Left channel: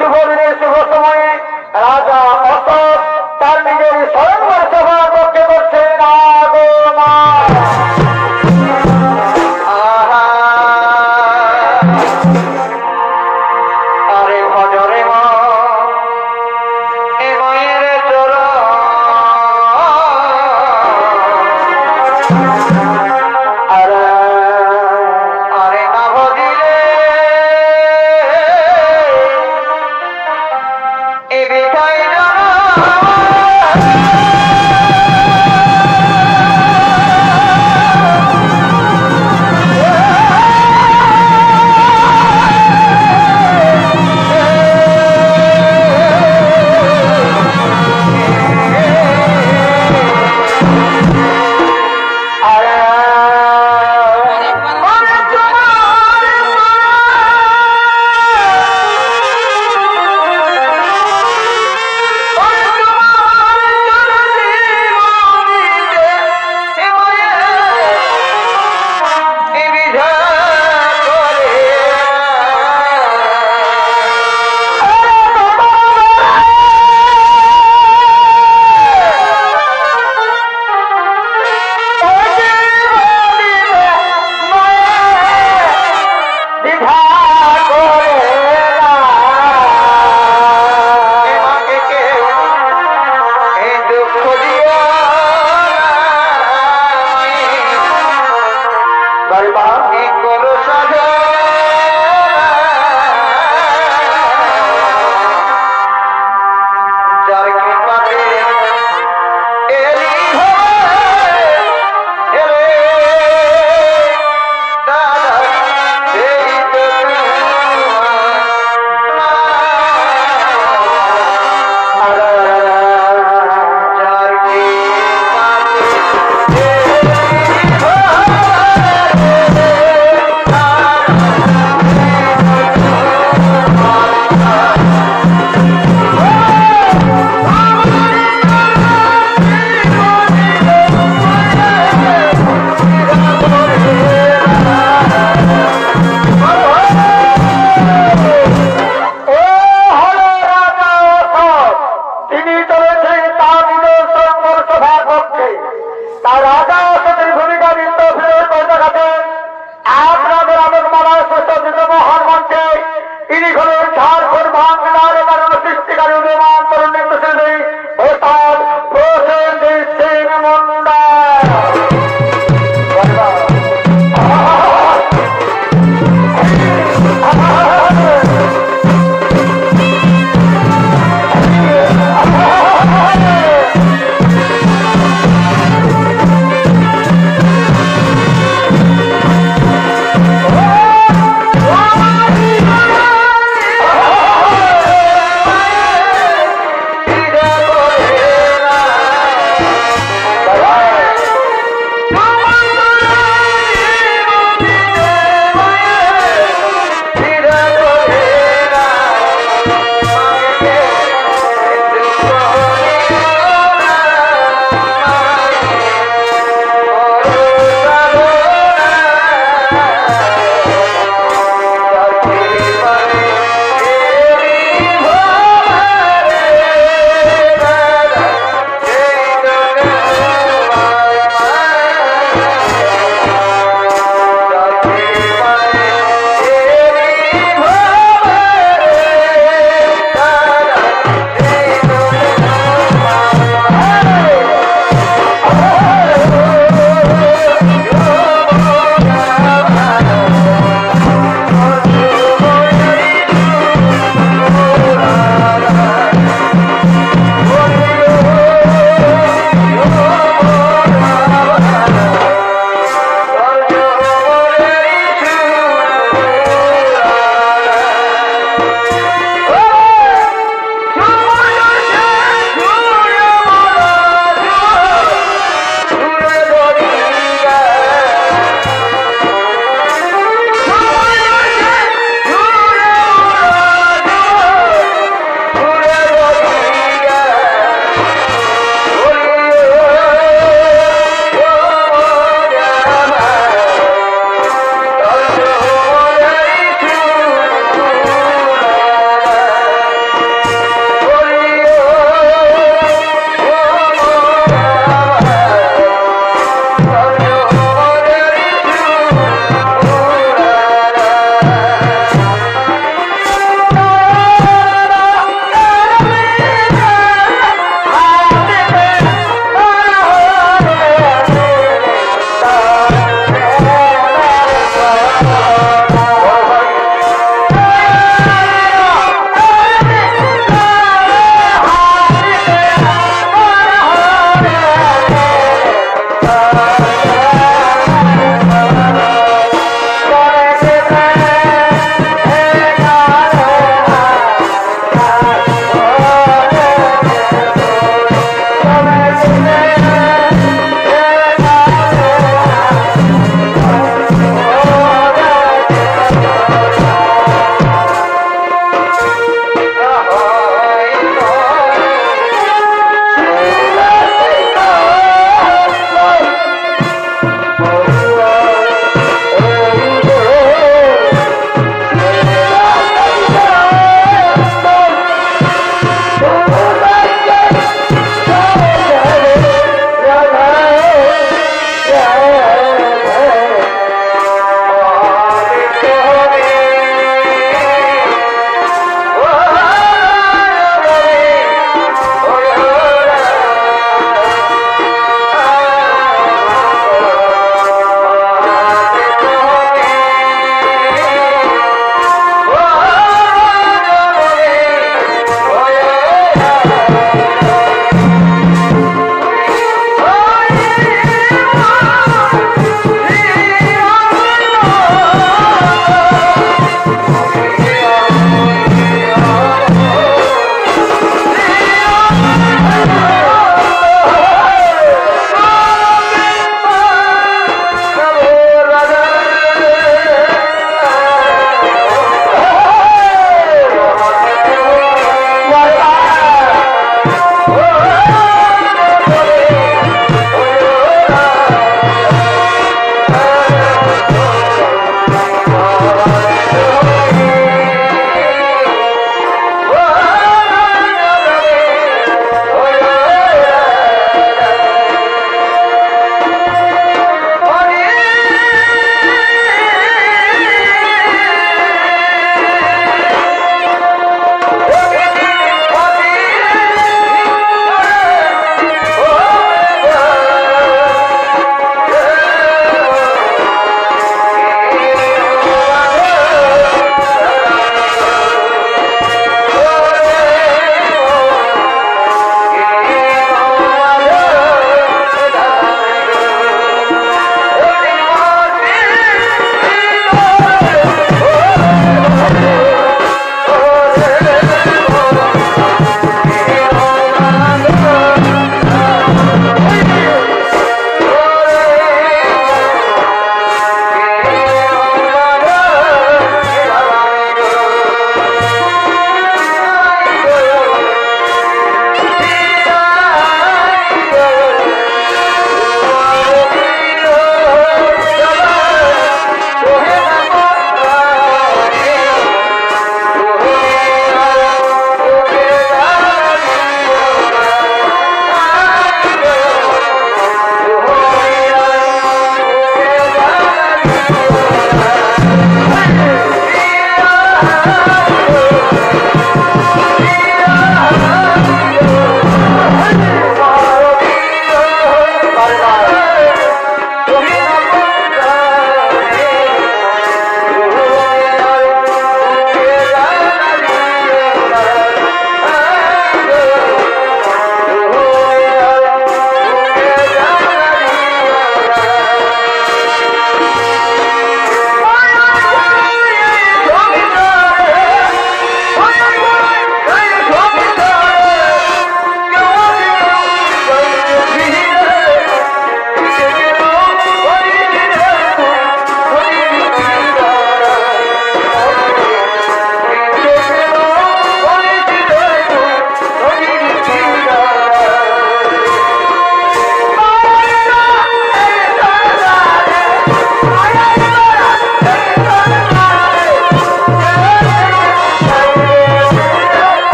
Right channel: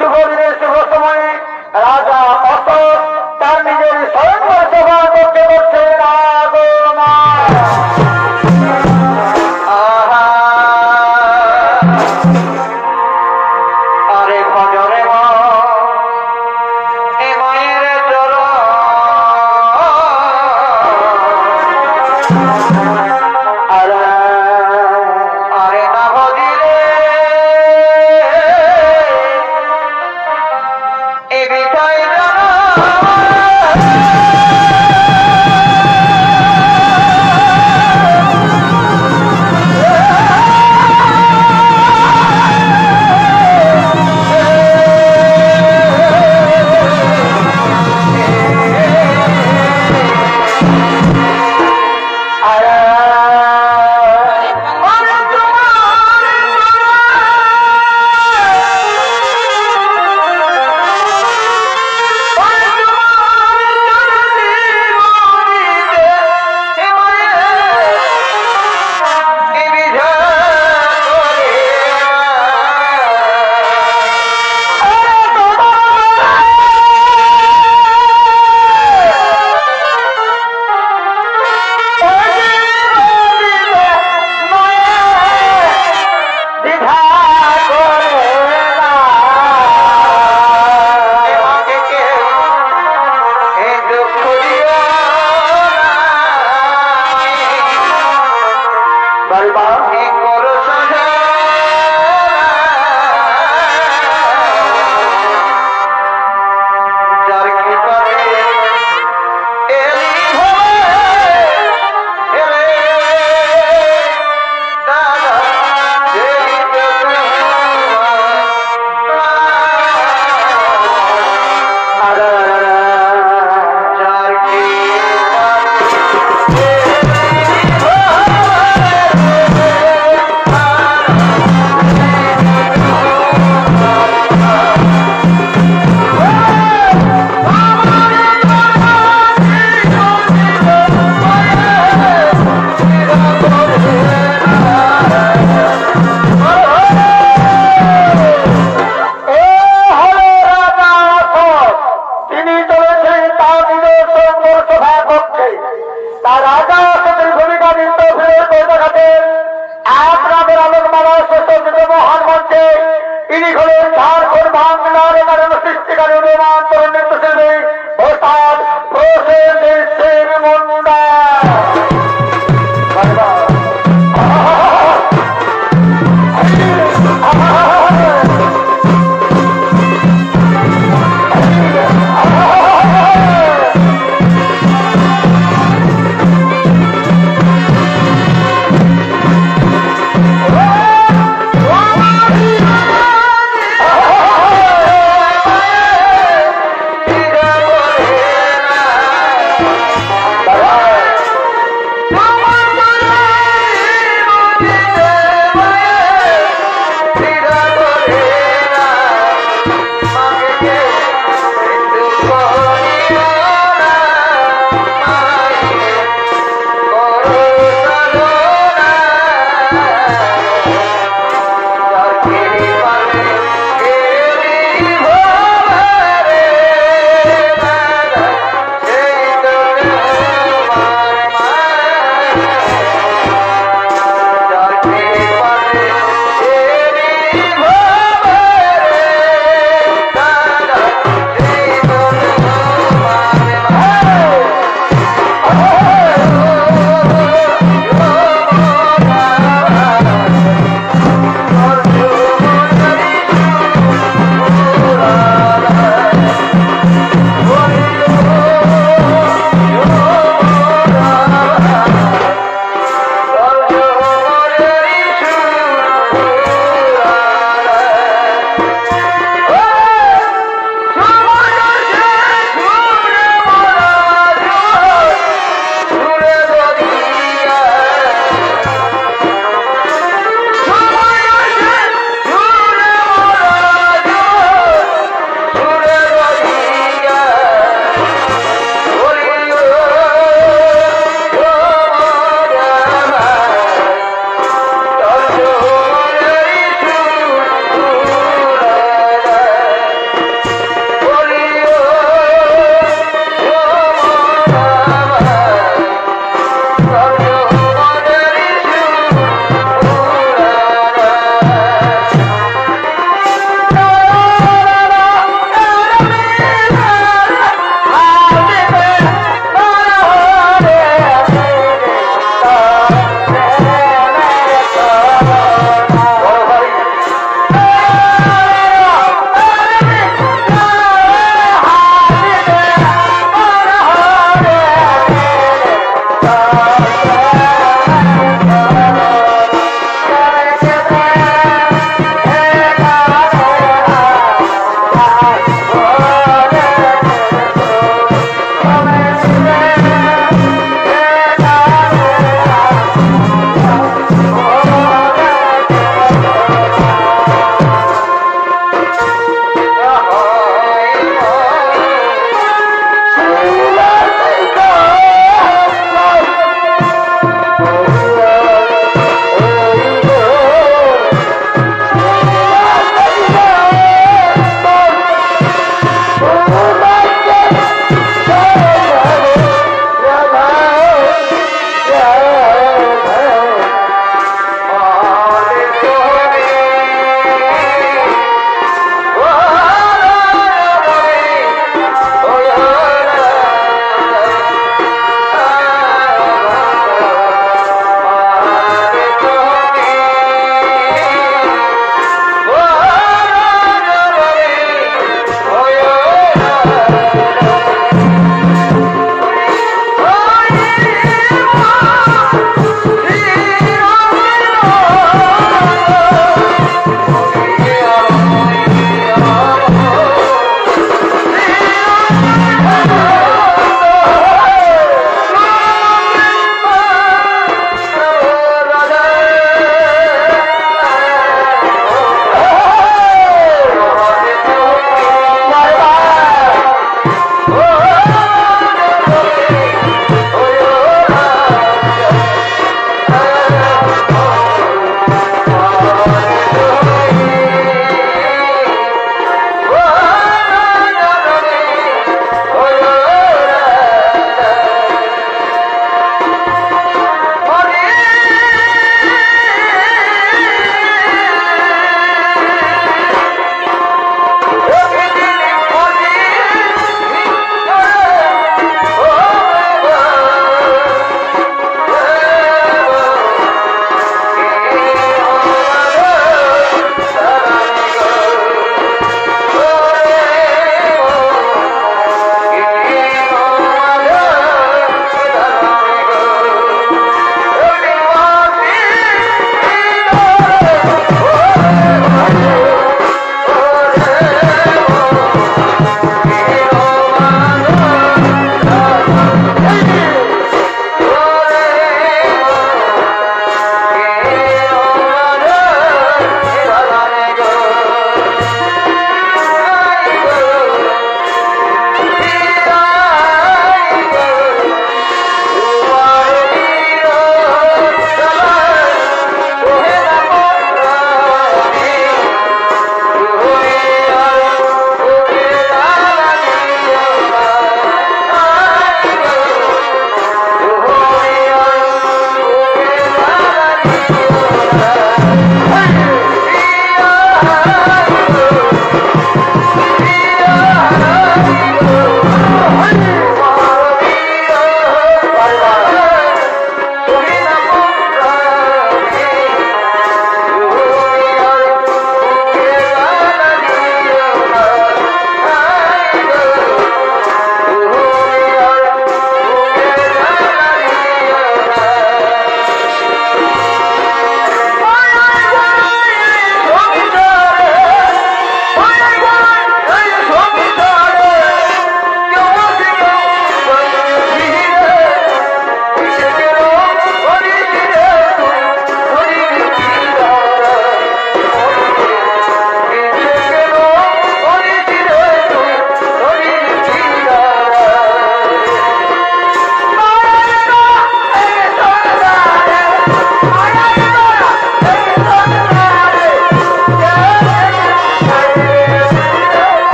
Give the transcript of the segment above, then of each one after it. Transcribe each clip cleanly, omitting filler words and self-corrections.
শুভ দিনের শুভ সময়ে রাজা অশোক তার নিজের স্বয়ংবর সভার পক্ষে করছে না গো মা। আরে ভজরে মা এ মায়ের চরণ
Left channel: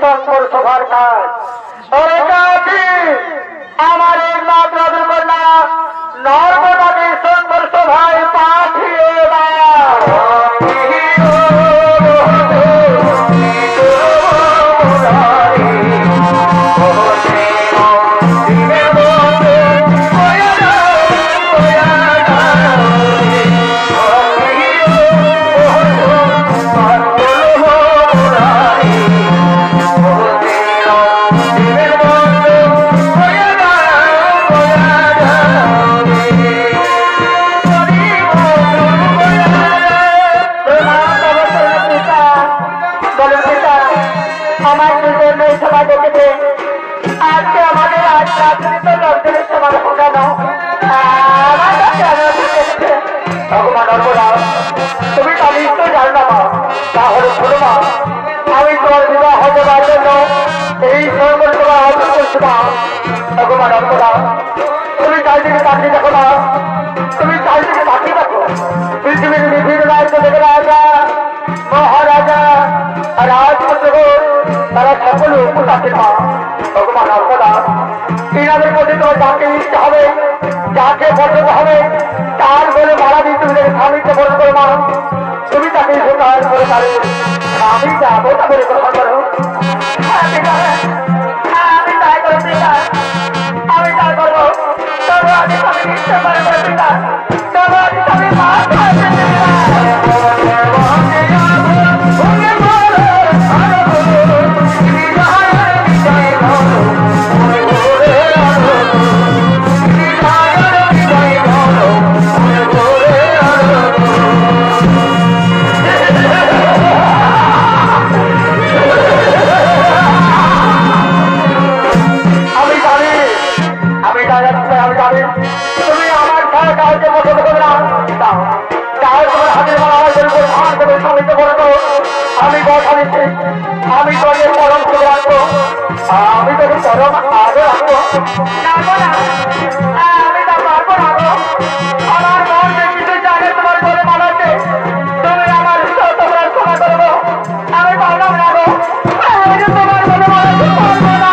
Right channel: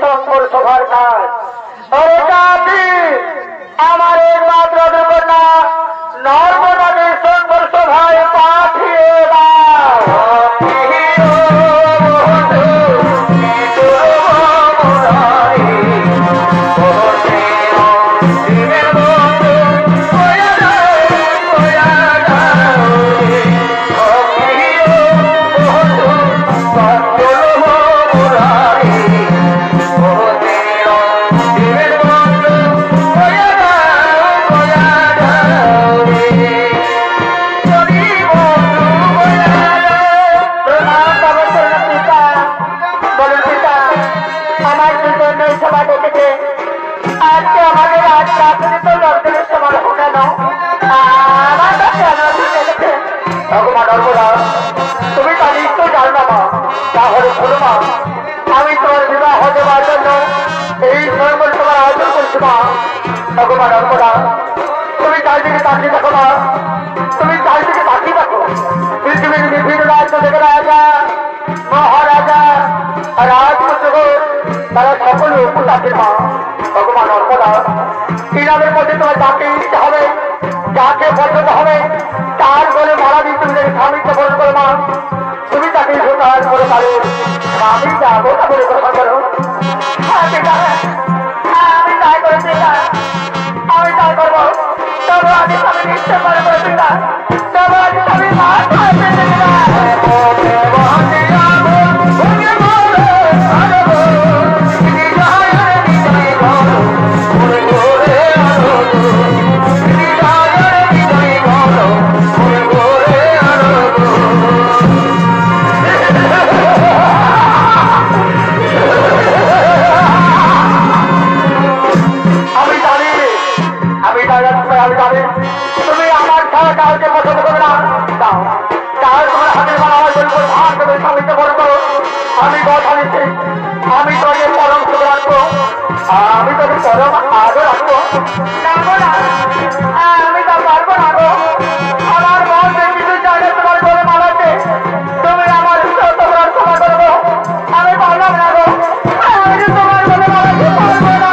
সংকর সভার কাজ। ওরে কাজী, আমার একমাত্র দুর্ঘটনা নর্মদাকে সংকর সভায় পাঠিয়ে দাও। আজকে আমাদের আজ রাজনীতি লোকজনের সমান কেন ভগবান নর্মদা, তুমি তা নিশ্চয় জানো না মা। তাহলে শোনো মা, আমি তোমার বিবাহ হতে পারার জন্য এই সর্বল তোমার আয়োজন করছি মা। ভগবান নর্মদা, তুমি চারিদিকে তাকিয়ে দেখো মা, তুমি চারিদিকে তাকিয়ে দেখো। পৃথিবীর বিভিন্ন রাজ্য থেকে রাজা, মহারাজা, রাজপুত্রগণ তারা সকলে উপস্থিত আছেন মা। ভগবান নর্মদা, ইনাদের মধ্যে তোমার যাকে ইচ্ছে হবে, যাকে পছন্দ হবে, তার বলে মারা দিয়ে তুমি তাকে স্বামীকে বরণ করো মা। তুমি তাকে সোতার করে তাহলে স্বামী যাবো তা বলে গ্রহণ করো। আমি তাই করে পিতা, আমি তাই করবো। তবে আগে আমি নিশ্চয় করে করে পিতা, তবে আগে আমি মা তুমি আমার ছাড়া কাউকে পছন্দ করবে না। তাহলে তোমার হাতের মালা আমার বলবো ধান দেবে স্বামীকে বলে তো আমি কথা দিচ্ছি, আমি তোকে পরম সুখ রাখবো, আমি তোকে পরম আদর রাখবো। আমি তা পারবো না গো। আমার মন যে কিছু জানে তোমার বলে মানাচ্ছে, তুমি আমার তোমার ক্ষমা করবো। আমি পারলাম না গো, আমি তোমার বলে মানাতে পারবো না।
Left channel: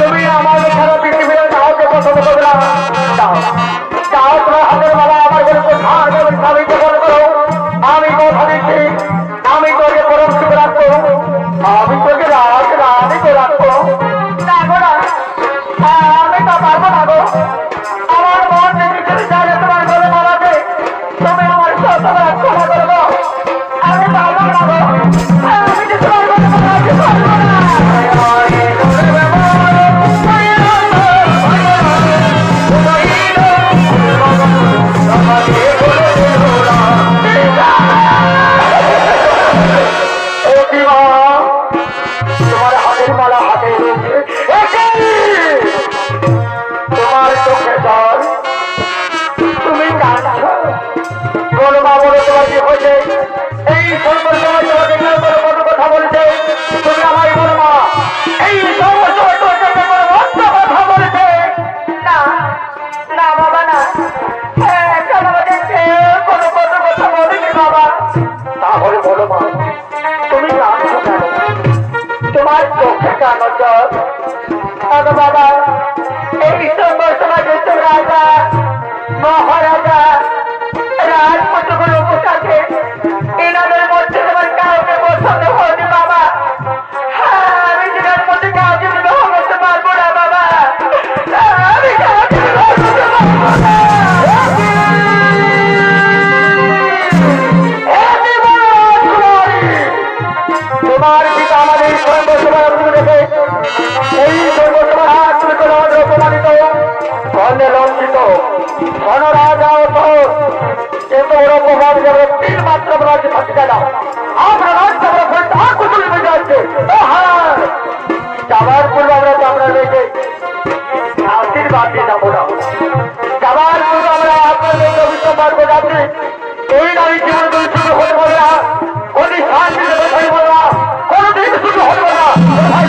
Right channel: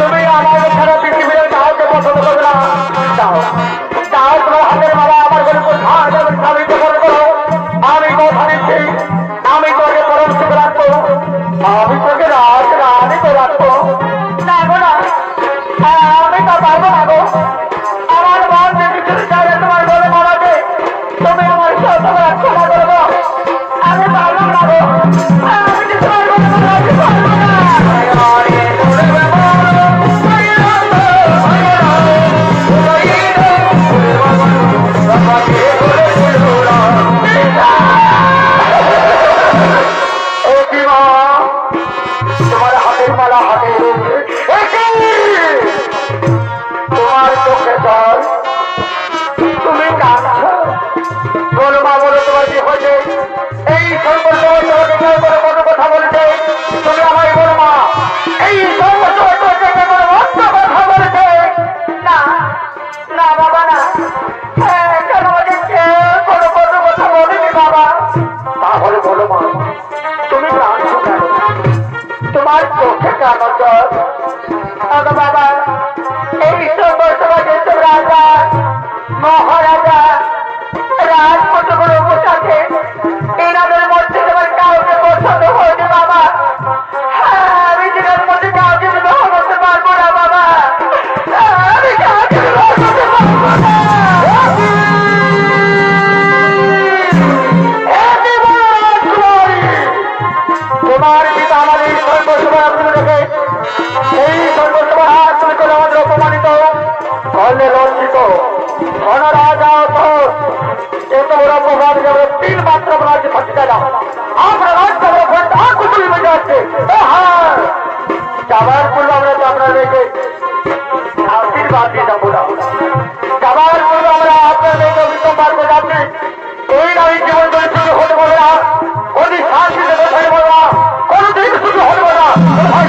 তুমি আমার ছাড়া পৃথিবীর কাউকে পছন্দ করবে না। তাও তোমার হাতের মালা আমার বলে স্বামীকে বলে করো। আমি কথা দিচ্ছি, আমি তোকে পরম সুখ রাখবো, আমি তোকে রানী তো রাখবো। আমি তো পারবো না গো। আমার মন যে কিছু চাইলে তোমার বলে মানাবে, তুমি আমার তোমার ক্ষমা করবো। আমি পারবো না গো, আমি যে তোমার বলে মানাতে পারবো না। তোমার হাতের মালা হাতে রয়েছে, তোমার চোখে জল, তুমি কাঁদছ। বলো মা, বলো তোমার কি হয়েছে? এই সংকট সময় তোমাকে কেউ কোনো কোনো কথা বলছে, তুমি আমায় বলো মা। এই সংকট সময় তোমাকে কোনো অন্য কথা বলেছে? না না বাবা না, কেন আমাকে কোনো কোনো কথা বলেনি বাবা। তাহলে বলো মা, তুমি কাঁদছ কেন? তোমার চোখে কেন জল? বাবা, এই সংকট সময় যেসব রাজা, মহারাজা, রাজপুত্রগুলো উপস্থিত আছে, এনাদের মধ্যে তোমার কাউকে পছন্দ হয়েছে বাবা। আমি যেটার মধ্যে কাউকে বিবাহ করতে পারবো না বাবা, আমি কাউকে বিবাহ করতে পারবো না। তোমার পিতা আমাদের সর্বসভা রেখে এই সর্বসভা তুমি কোনো আমাদের অপমানিত করলে লঞ্চিত ধনরাজা এত বড় অপমান যেমন তিন মাত্র রাজ্য থাকতে চায় না। আমরা রাজ্য আমরা কুতুল বেঁচে আসছে। হ্যাঁ, যাবার পূর্বে আমরা রেখে শান্তিতে বসাই বলা কোনোদিন শুধু হবে না। ভাই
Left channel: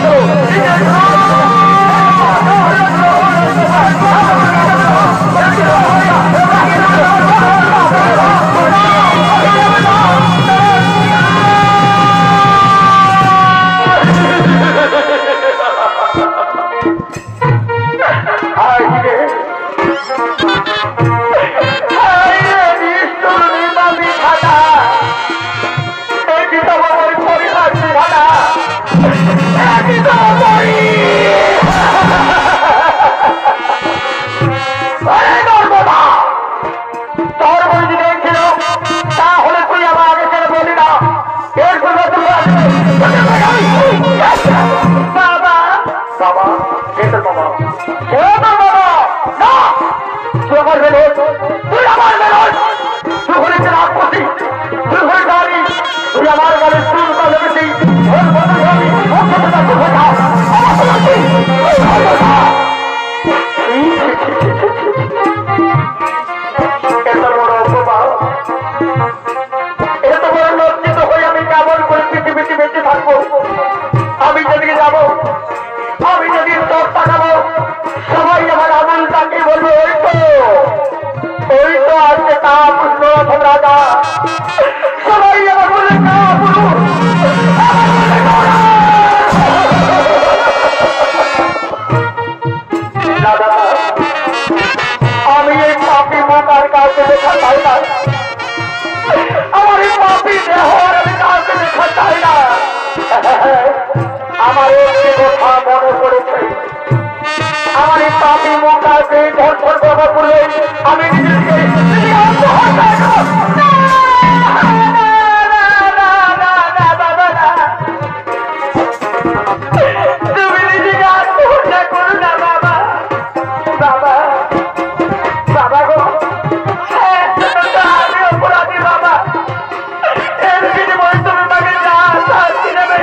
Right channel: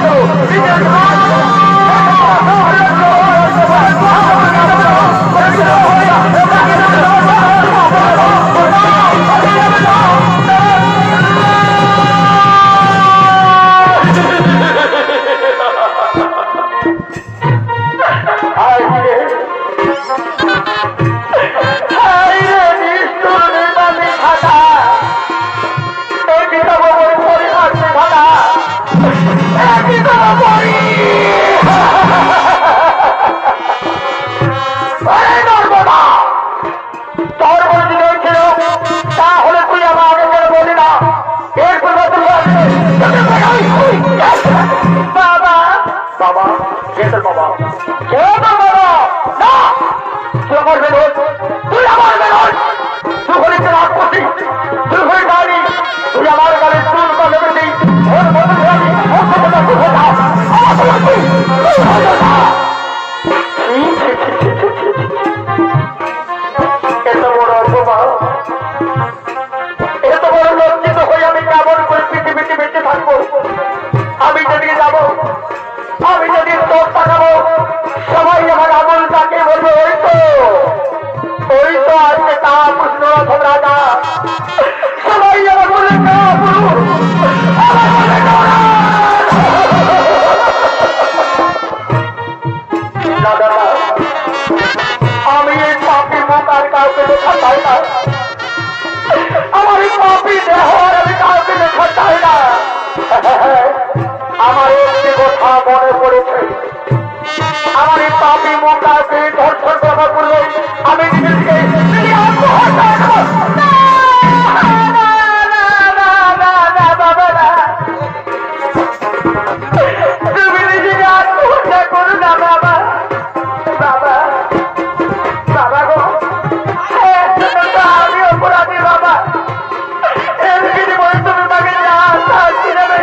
আমি যেদিকে যাব, আমি যদি চোখ তাকাবো, সবাই আমার আমলটাকে বলবে ওই তো আজকে তা পুষ্ণ রথম রাজা। সবাই আমার বলবে না পুরুষ, আমার বলবে দাদা, আমি এই পাপি মুখ আর কাউকে দেখা চাই না। আমার এই পাপি দেহ আর আমি কাউকে দেখা চাই না। আমার একটি কথা মনে পড়েছে, আমার এই পাপি মুখ কাউকে ধর্ষণ করার পূর্বে আমি নিজেকে আত্মহত্যা করব। তুমি নিজেকে আত্মহত্যা করো না বাবা। বাবা বাবা গো, আমি অপরাধী বাবা। এর বিনিময়ে তুমি মাকে যা শাস্তি দেবে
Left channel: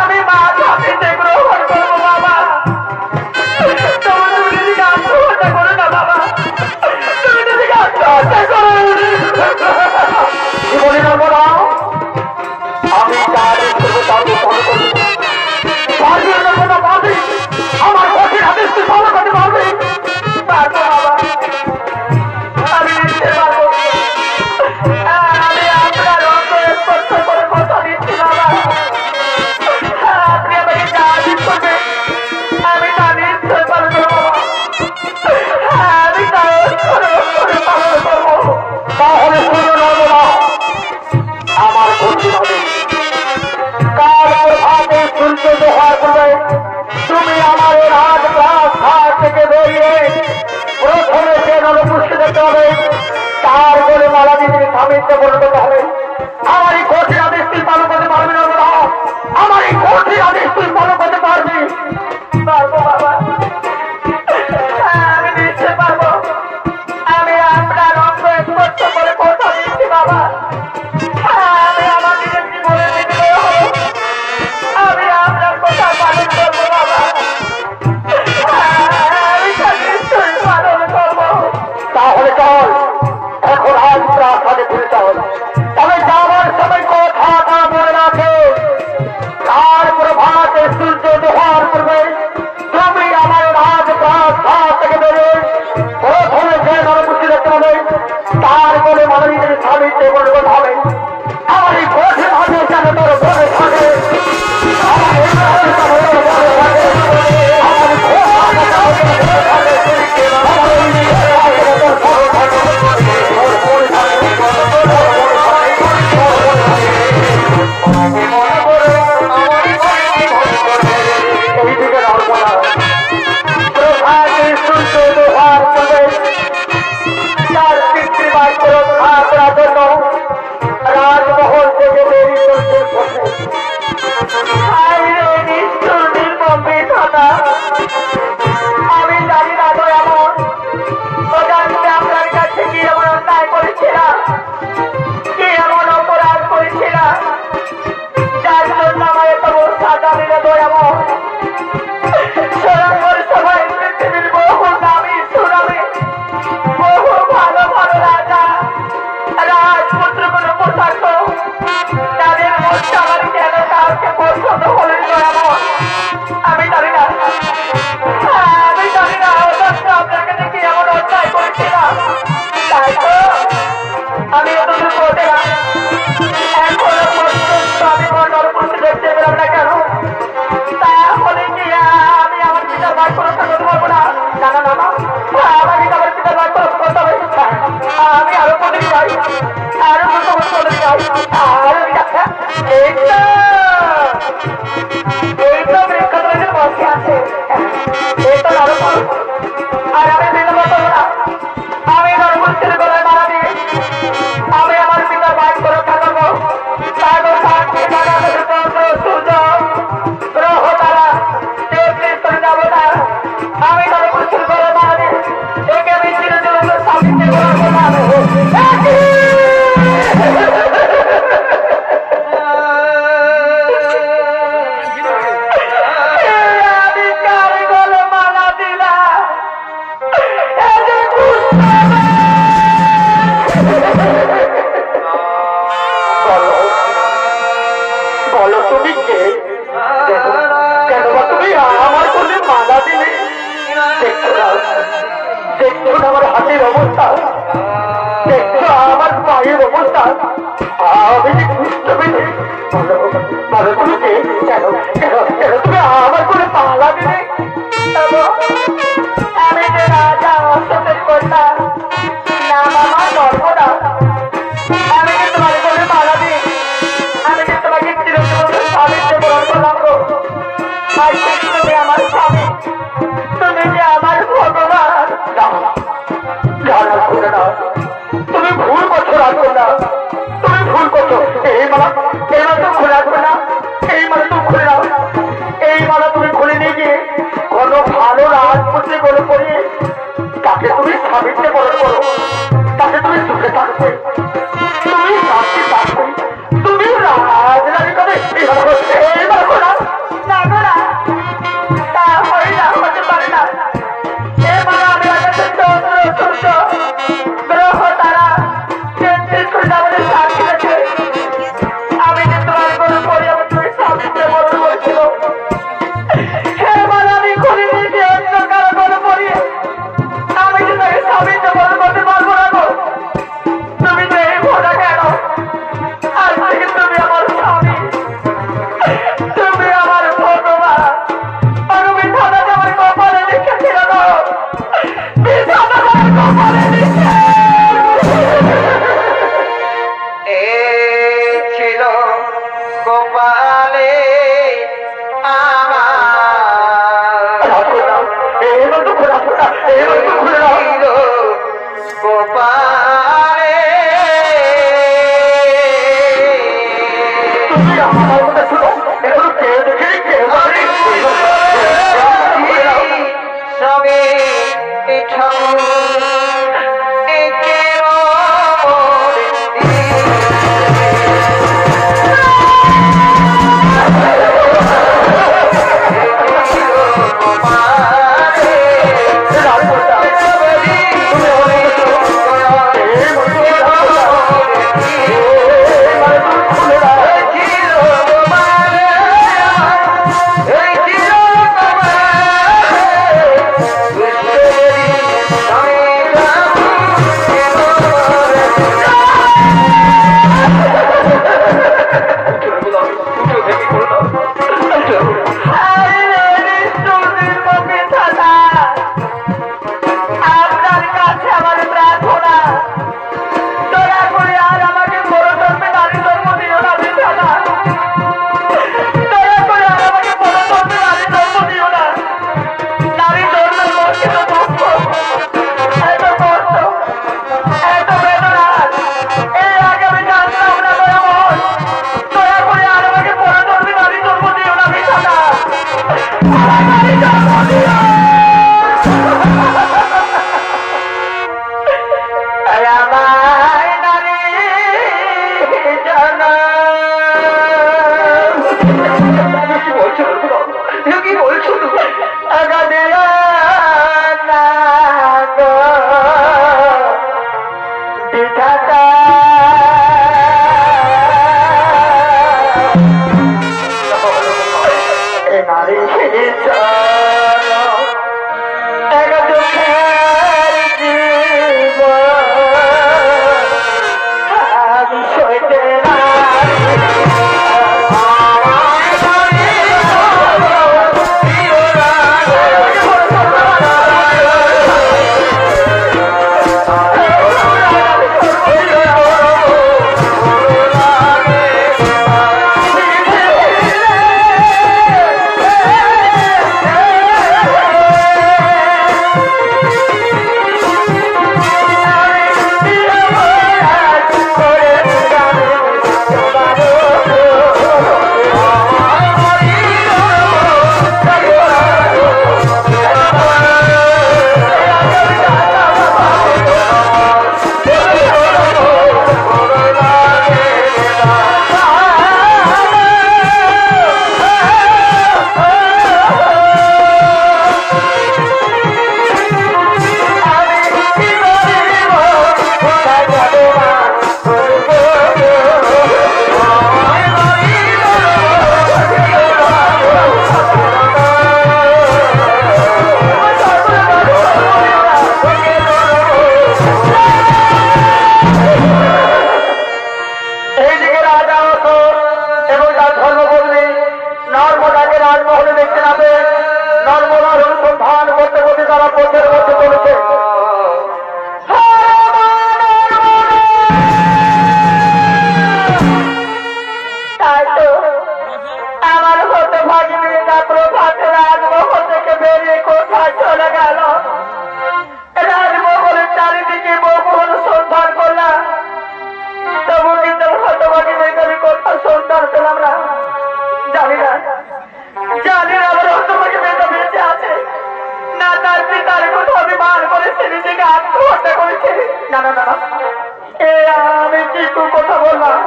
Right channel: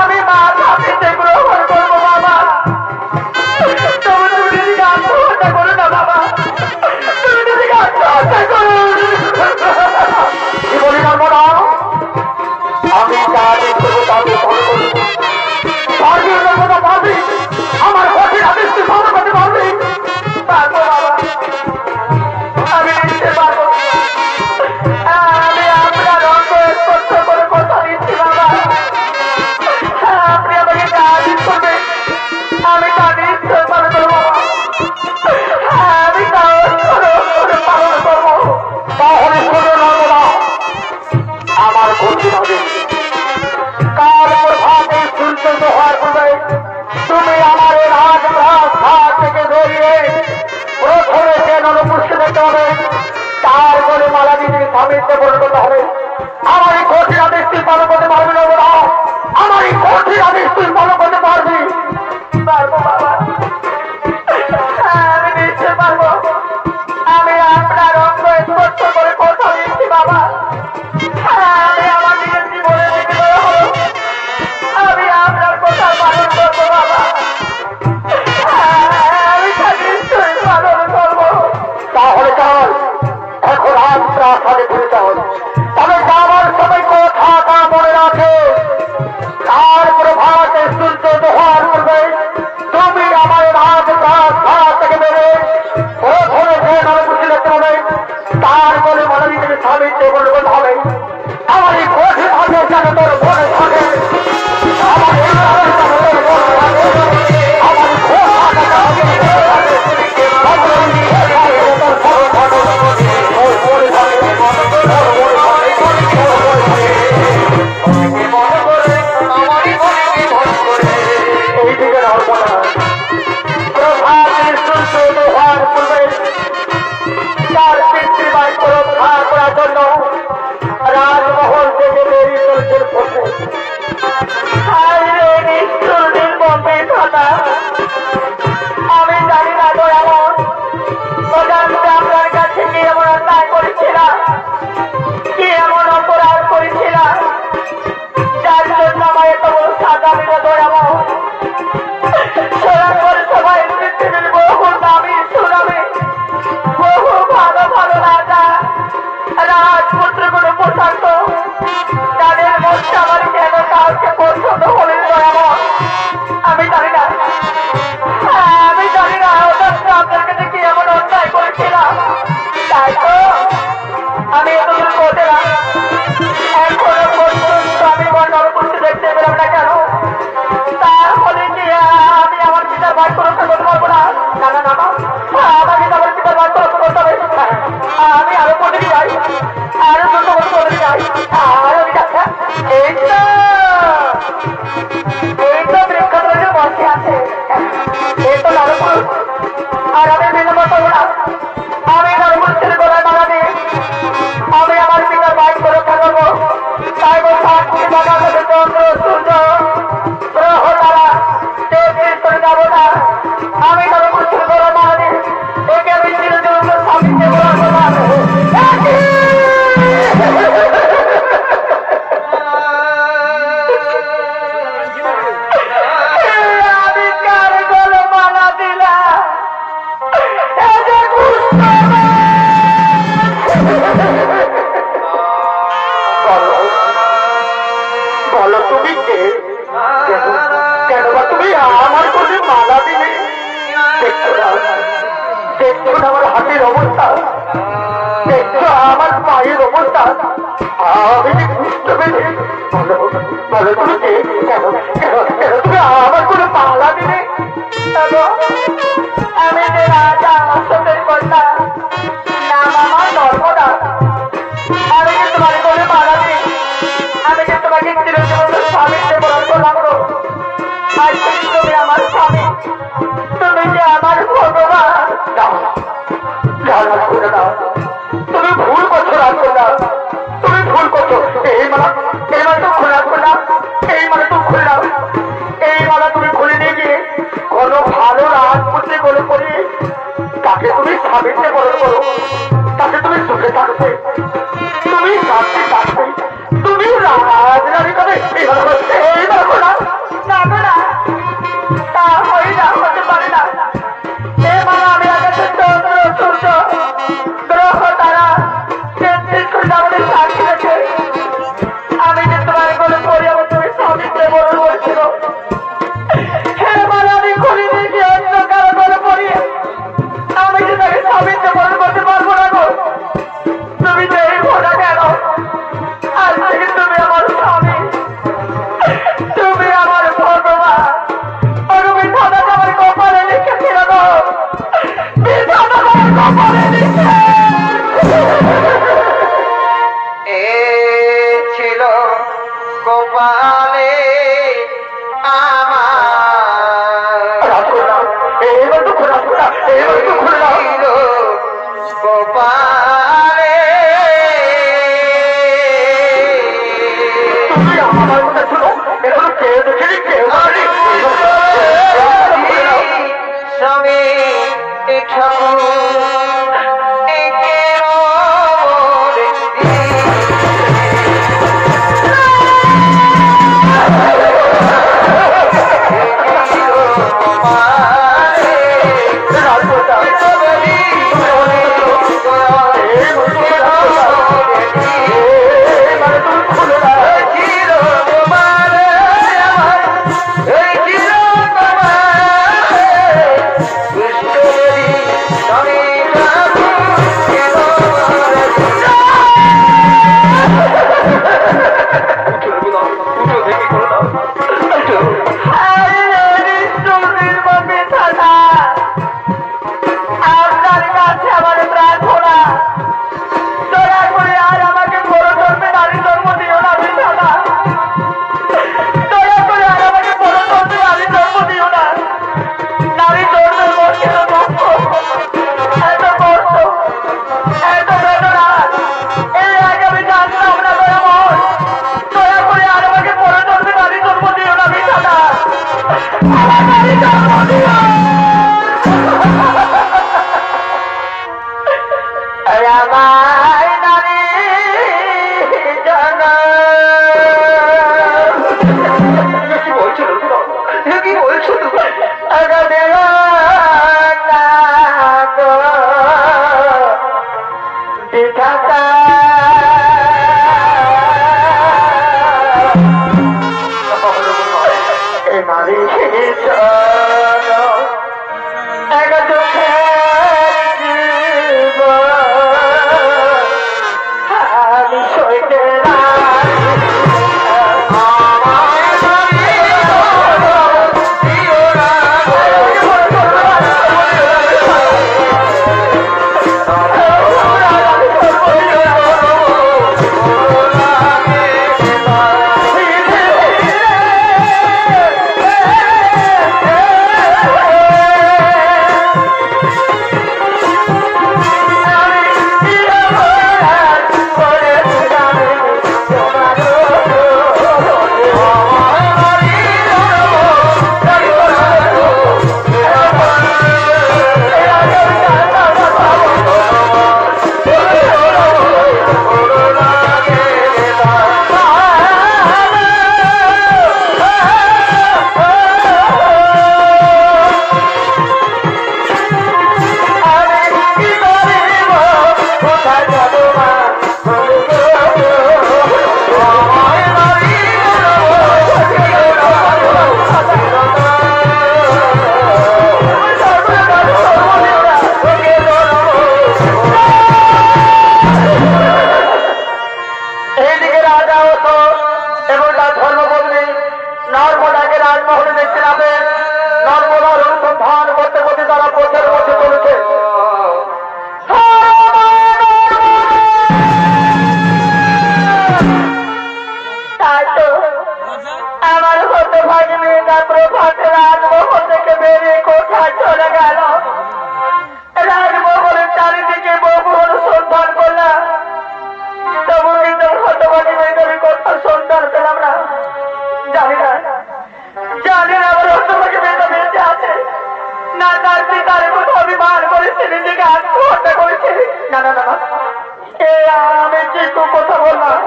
আমি মা শাস্তিতে গ্রহণ করবো বাবা। তবে তুমি নিজেকে আত্মহত্যা করো না বাবা, তুমি নিজেকে আত্মহত্যা করো। কি বলি নর্মদা, আমি যা আদেশ করবো তাকে ফলো করবো। পারবি নর্মদা, পারবি? আমার কঠিন আদেশ তুই ফলো করতে পারবি? পারবো বাবা, আমি নিশ্চয় পারবো। আমি আপনার অঙ্গ স্পর্শ করে কথা দিচ্ছি বাবা, আপনি আমাকে যা আদেশ করবে আমি তা নিশ্চয় পালন করবো বাবা। আমি তা অক্ষরে অক্ষরে পালন করবো। তাহলে শুনো নর্মদা, আমার কঠিন হবে কাল প্রভাতে সূর্য দোহার পূর্বে তুমি আমার এই রাজপ্রাসাদ থেকে বেরিয়ে প্রথমে সে নরপুষ্কে দেখতে হবে, তার বলে মালা দিয়ে স্বামীতে পরিণত হবে। আমার এই কঠিন আদেশ তুই পালন করতে পারবি নর্মদা? আমার এই কঠিন আদেশ তুই পালন করতে পারবি? পারবো বাবা, আমি নিশ্চয় পারবো। আমি আপনার অঙ্গ স্পর্শ করে কথা দিচ্ছি বাবা, আমি আমার নিজের জীবনে বিনিময় হব, আমি আপনার কথা পালন করবো বাবা। আমি তা নিশ্চয়ই পালন করবো। তাহলে চল এখন আজ প্রাসাদে ফিরে চল। তবে যাবার সময় কথাটা মনে রাখে, কার প্রভাতে সূর্য দোহার পূর্বে তুমি আমার রাজপ্রাসাদ থেকে বেরিয়ে প্রথমে যে নরপুষ্টি দেখতে হবে, তার বলে মালা দিতে স্বামীতে পরিণত হবে। আমার এই কঠিন আদেশ যেন তোর মনে থাকে, আমার এই আদেশ যেন তোর মনে থাকে, আমার ঘোষণা মনে থাকে, আমার এই ঘোষণা যেন তোর মনে থাকে, তোর মনে থাকে, তোর মনে থাকে, তোর মনে থাকে। এইদিকে রাখবো না, প্রভাতে সূর্য দোহার পূর্বে তার পিতৃবার রক্ষা করার জন্য রাজমহল থেকে বেরিয়ে চলছে পথে। আমি জানি না দয়ামন, অজান্তে আপনার কাছে কি এমন অন্যায় করেছিলাম, কি এমন অপরাধ করেছিলাম যার জন্য আমার এত বড় সাজা মিলে দয়ামন। সবাই পৃথিবীর বহু দামি সুনামে বহু ভালো ভালো রাজা রাজপুত্রগুলো পোশাক তাদের বলো তুমি কে? কেন বা তুমি আমার কোলে মালা দিলে? দেখছো না, দেখছো না আমার হাতের অবস্থা, দেখছো আমার পায়ের অবস্থা, আমি যে কষ্ট পেতে। বলো বলো তুমি কে? কেন কেন কেন তুমি আমার কোলে মালা দিলে? আমি যে রাজা অশ্বতের কন্যা, নাম আমার নর্মদা। আমি যে তোমার কোলে মালা দিই, আমি যে তোমাকে চিরজীবন স্বামীতে বরণ করলাম গো। আজ থেকে তুমি আমার স্বামী, তুমি যে আমার ভগবান। তুমি ভুল করছো রাজকন্যা, তুমি ভুল করছো। এই মালা তো খুলে রাখবে না, এই মালা তুমি খুলে নাও। এই মালা তুমি খুলে নিয়ে গিয়ে কোনো ভালো রাজপুত্রী গলে পড়িয়ে তাকে তুমি স্বামীতে বরণ করো, তাকে তুমি সুখে থাকবে, তুমি শান্তি থাকবে, তুমি রাজরানী কবে। এই মালা করো না, না গো না, তা হয়ে না, হতে পারে না। এই মালা আমি আগে চন্দ্র সূর্য গ্রহ তারা আমাদের সাথে রেখে আমি যে তোমার কোনো পরি আমি তুমি স্বামীতে বরণ করেছিল। এই মালা আমি খুলে নিয়ে গিয়ে অন্য কারো কোনো পরিয়ে আমি যে তাকে স্বামীতে বরণ করতে পারবো না গো। তুমি তো এই ভোটা কেন? আজ থেকে তুমি আমার স্বামী, তুমি আমার ভগবান। তুমি বিধাতাকে আমার কপালে লিখেছিল গো, বিধাতাকে আমার কপালে লিখে। এ ছিল কপালে আমার, এবার তো খোলা খোলা, এবার তো খুলে দাও। ছিল কপালে। তুমি আমার কথা শুনো, এখন কেউ দেখেনি, কেউ স্বামী ঠাকুর আত্মহত্যা করেছে। না না না না, এ আমি কিছু কথা বললাম,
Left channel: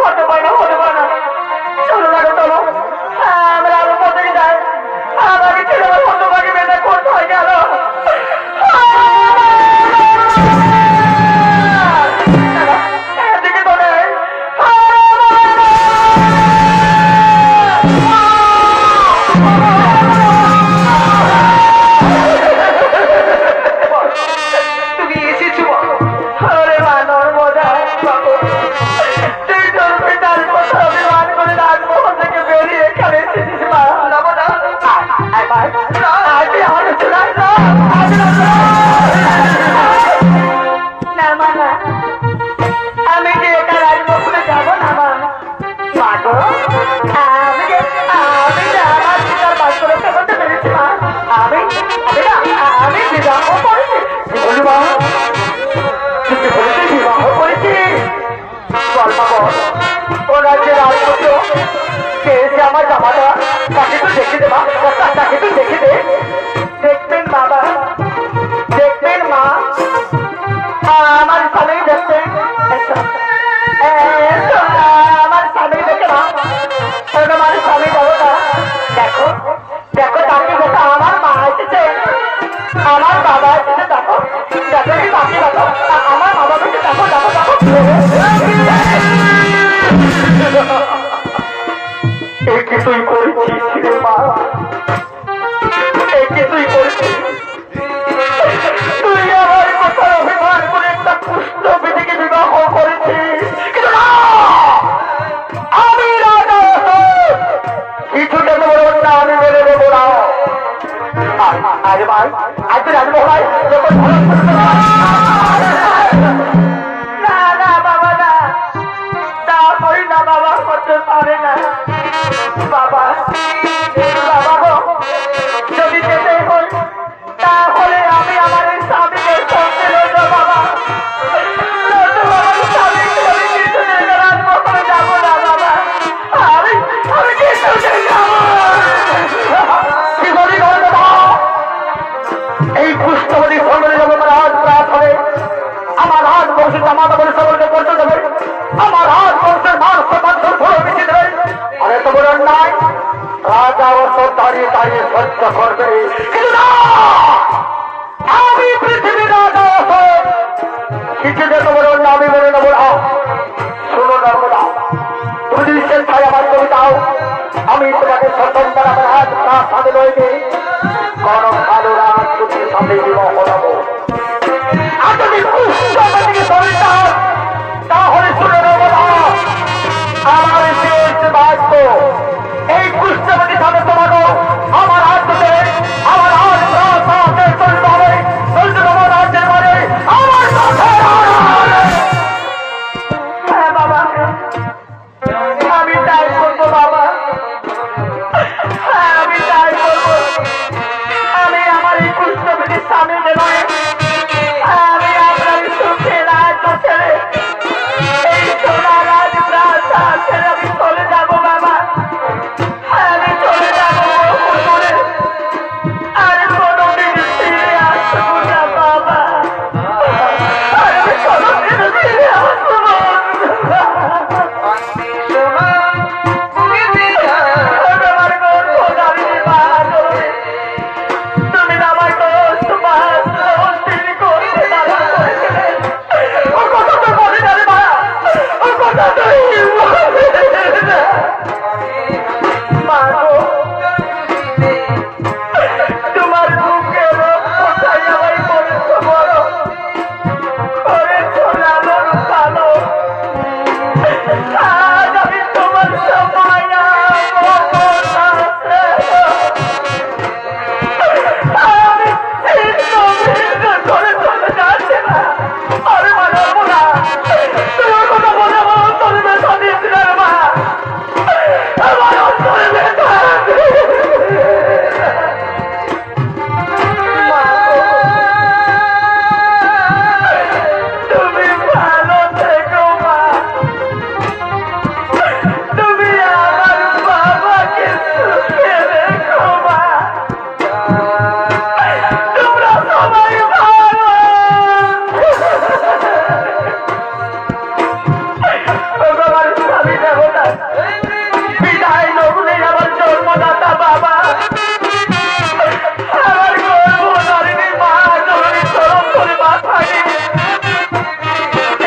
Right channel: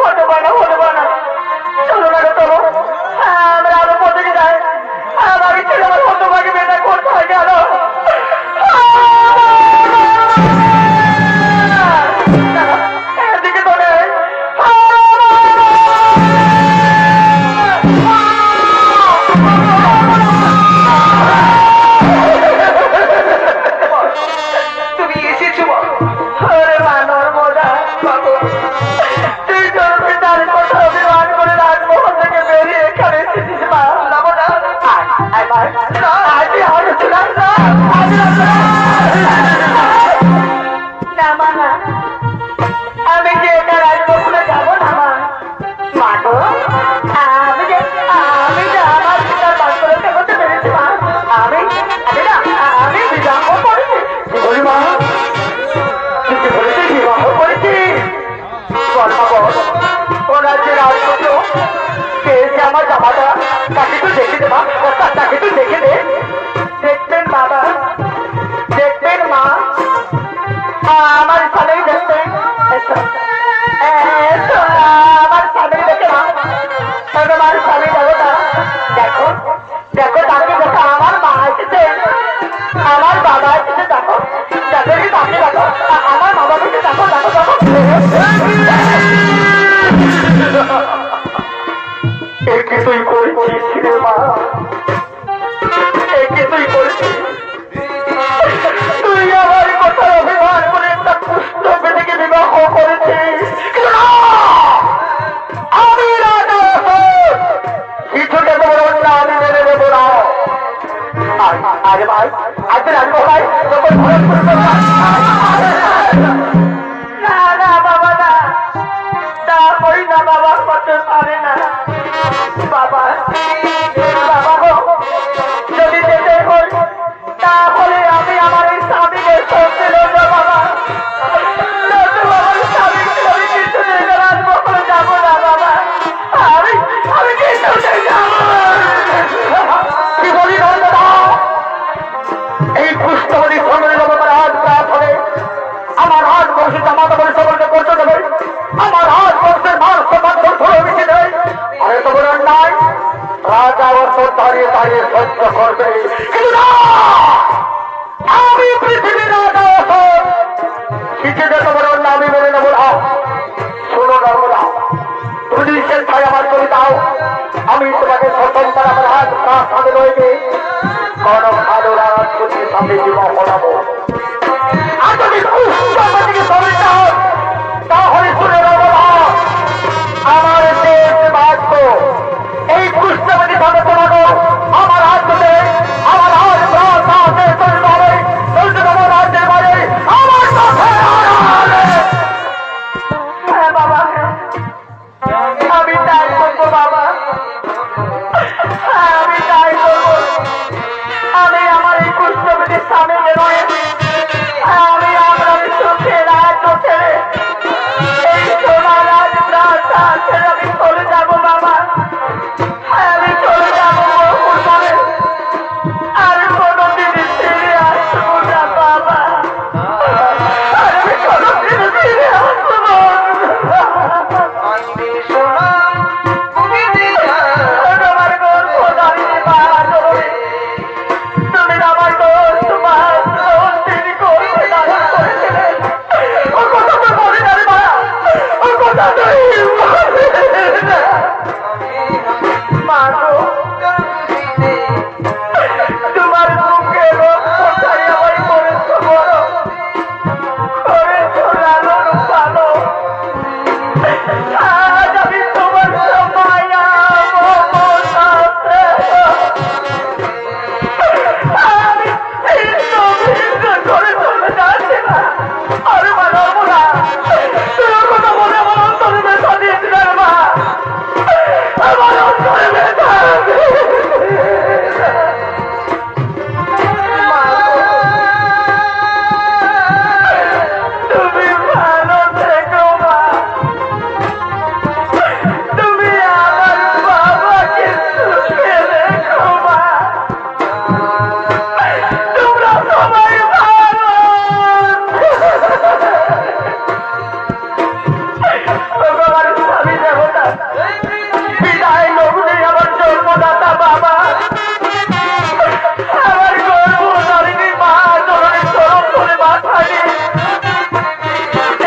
হতে পারে না, হতে পারে না। চলো না, চলো আমরা আরো পথে যাই। আমার ছেলে আমার হতভাগে বেদা করতে হয় গেল। এদিকে তো নেই। তুমি এসেছো? আরে মানর বোঝা বাবু, তুই তোর পিতার কথা অভিমান করে রাজমহল থেকে বেরিয়ে এখানে এসেছিস মা। না মা, আমি যে একা রাজমহলে যাবো না মা। মাগো, আমি যে আমার পিতার বাস্তবতা বলতে পেরেছি মা। আমি বিবাহ করেছি। বলি মা, তুই বলেছি বিবাহ করেছি? বল মা বল, ওরা যে রাজপুত্র কে এসে আমার জামাটা, তাকে তো দেখে দে মা, তাকে তো দেখে দে। দেখবেন বাবা, দেখবেন মা, আমার স্বামী দেখবেন। আমার স্বামী দেখে মা, আমার স্বামী দেবতা। দেখো দেখো, তাকে দেখো, আমার মা এসেছে, আমার বাবা এসেছে। দেখো দেখো, কি তাকে দেখো, আমার মা বাবাকে দেখো, দেখো দেখো। এই কি তুই করেছিস রে মা, এই কি তুই করেছিস? তুই আমার কথায় অভিমান করে একটা পুষ্ট বেদিকে বিবাহ করেছিস। কিন্তু না, আমি রাজা, কিছুটা তো বলব না, আমি মেনে নেব না। আরে ভাই, আজ রাজমহল যখন না না বাবা, না তা করি না বাবা, করতে পারে না বাবা। বাবা গো, যদি যেতে হয় তাহলে আমি আমার এই স্বামীকে সঙ্গে নেব বাবা। আমার স্বামী আমি কিছুদিন রাজমহলে যাবো না বাবা। আমি কিছুদিন যাবো। কি বলি নর্মদা, এই পুষ্টবতী সঙ্গে যাবো রাজ প্রাত হবে। আমার হাত বংশের জামাতা বলে সকলকে করতে দেবে। আমার হাত বংশের মান সম্মান ধরে মিশে দেবে। আরে তো বড় অন্যায়, রাজা অবসর দাঁড়িয়ে দাঁড়িয়ে সহ্য করবে। কিন্তু না, আমি পৃথিবীর রাজা অবসর কিছু যে তোমার অন্যায় আমি মেনে নেব না। শুনো নর্মদা, তুমি যদি স্বেচ্ছায় আমার কবি দাও, আমি তোমাকে প্রথমবার আমার হাত প্রাত সাথে রয়েছে কোন ভালো রাজপুত্রের সাথে বিবাহ হলাবো। আর যদি পুষ্টপতিকে সরে চাও তাহলে শুনে নেব না, আমার শেষ বাক্য এই পুষ্টপতি সাথে তোমাকে আমার রাজ্যতে, আমার রাজ প্রাসাদে চলতে হবে, চলতে দেবো রাজ্যের বাইরে আমার চোখের আড়ালে। হ্যাঁ বাবা, আমি তাই করবো বাবা, আমি তাই করবো। আমি আমার এই পুষ্টপতির স্বামীকে নয়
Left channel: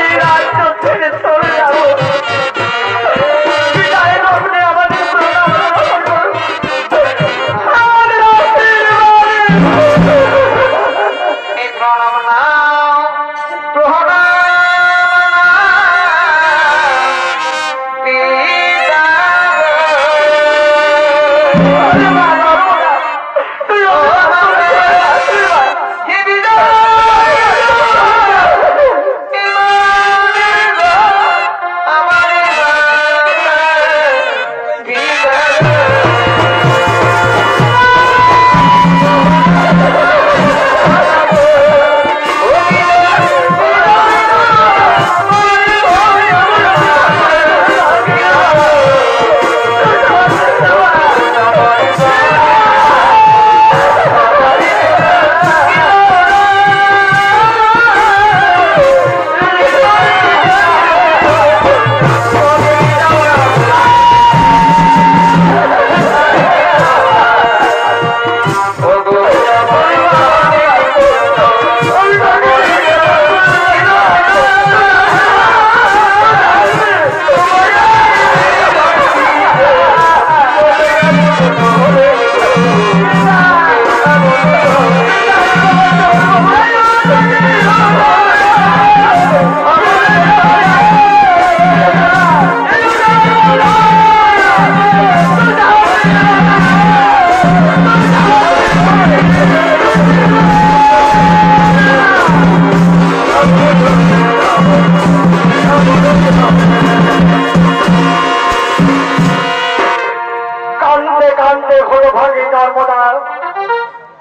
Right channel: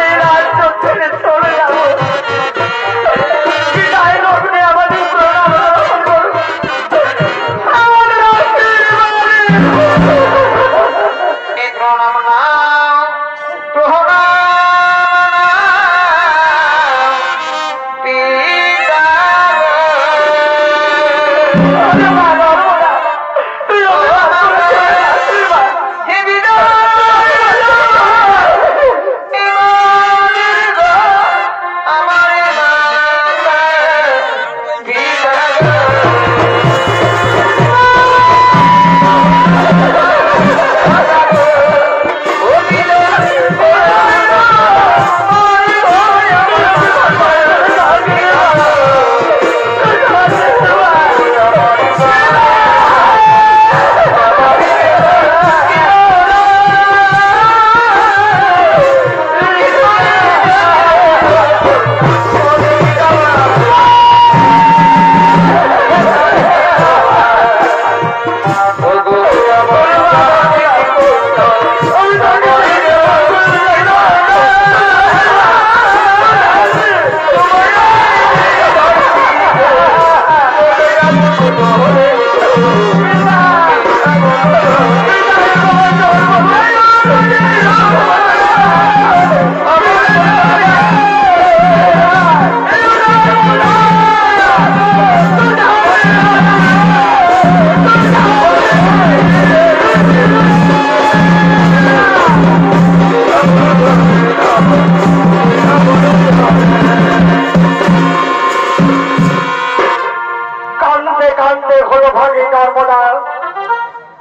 এই রাজ্য ছেড়ে চলে যাবো। বিদায় লগ্নে আমাদের প্রণাম গ্রহণ করুন। আমাদের আশীর্বাদ এই প্রণাম নাও, প্রণাম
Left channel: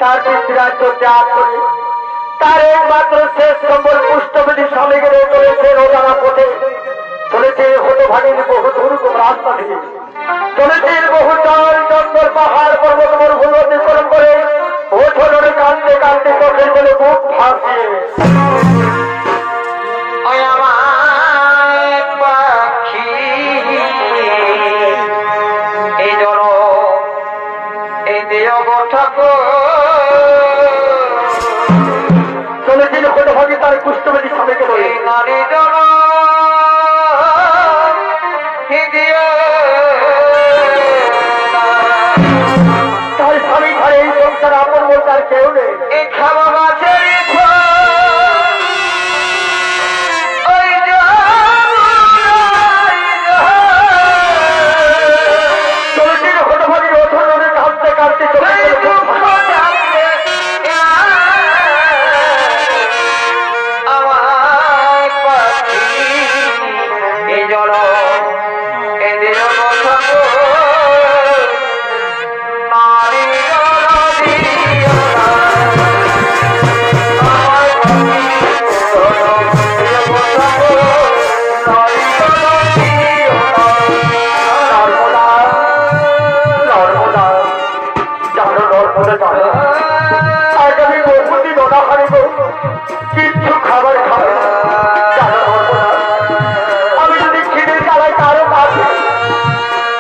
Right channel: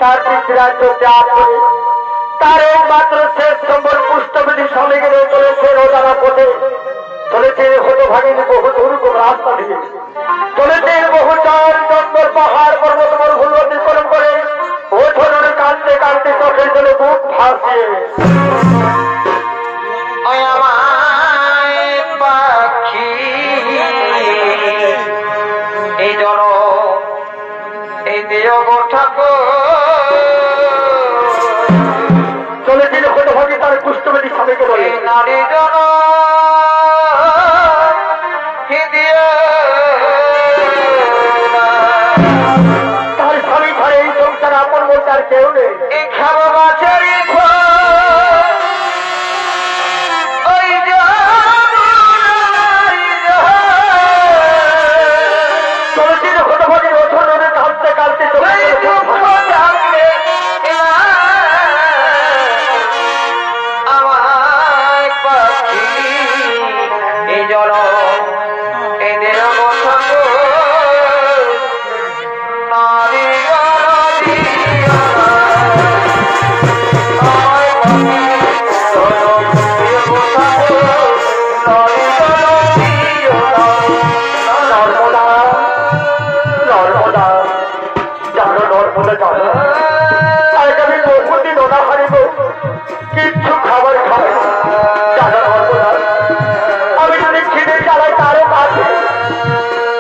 তার পিতৃরাজ্য ত্যাগ করে তার একমাত্র শেষ নম্বর পুষ্টবিধি স্বামীকে চলেছে রোজানা পথে, চলেছে হতভাগিনী বহু দুর্গম রাস্তা দিয়ে, চলেছে বহু চাল চন্দর পাহাড় পর্বত মরুভূমি অতিক্রম করে ওঠনের কান্দে কান্দে চোখের জলে বুক ভাসিয়ে আমার পাখি এই জন এই দিও গো ঠাকুর চলেছিল হতভাগী তার পুষ্টবিধি স্বামীকে বলে, নারী জন তার স্বামী ঘরে এই সংসার আপন বলতে আর কেউ নেই। এই খাওয়া গাছের চলেছিল হতভাগী ওঠনে কাঁদতে কাঁদতে চলে আমার পাখি এই জল এদের নারী কিচ্ছু খাবার খাবে আমি যদি ছিঁড়ে চালাই তারও মারবে,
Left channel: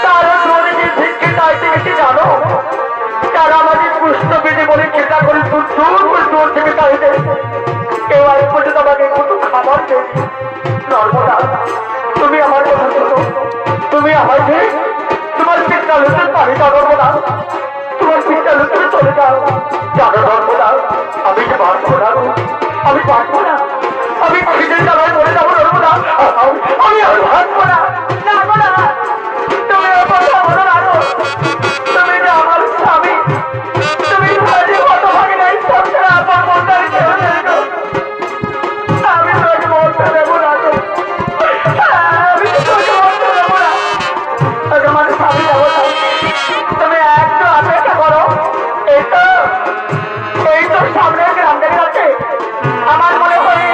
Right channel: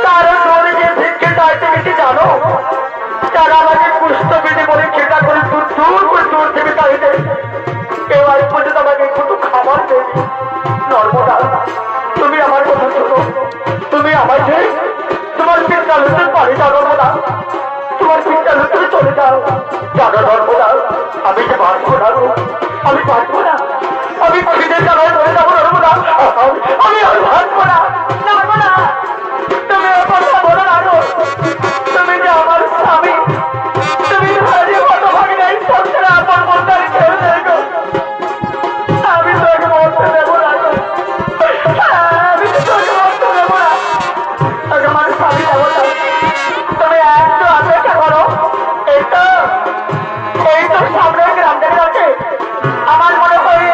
তারও দৌড়ে গিয়ে ভিক্ষে চাইতে গেছে জানো, তারা আমাকে পুষ্টবিধি বলে চেষ্টা করে দূর করে দূর থেকে চাইতে কেউ আজ পর্যন্ত আমাকে একটু খাবার দেয়। নর্মদা তুমি আমার কথা শোনো, তুমি আমাকে তোমার চিন্তা হতে পারি না নর্মদা, তোমার চিন্তা হতে চলে যাও। জানো নর্মদা আমি যে বাঁচবো না, আমি বাঁচবো না, আমি খিদে চালায় চলে যাবো নর্মদা, আমি আর বাঁচবো না। নর্মদা তুমি কথা বলো না, তুমি যে আমার স্বামী, তুমি কত ভাবি নাই সংসারে আপন বলতে কেউ নেই, আমি তোকে মরতে দেবো না, আমি তোকে মরতে দেবো না। আমার স্বামী যাবো না, তুমি একটু অপেক্ষা করো। এই তো সামনের গ্রাম থেকে আছে, আমার মনে হয়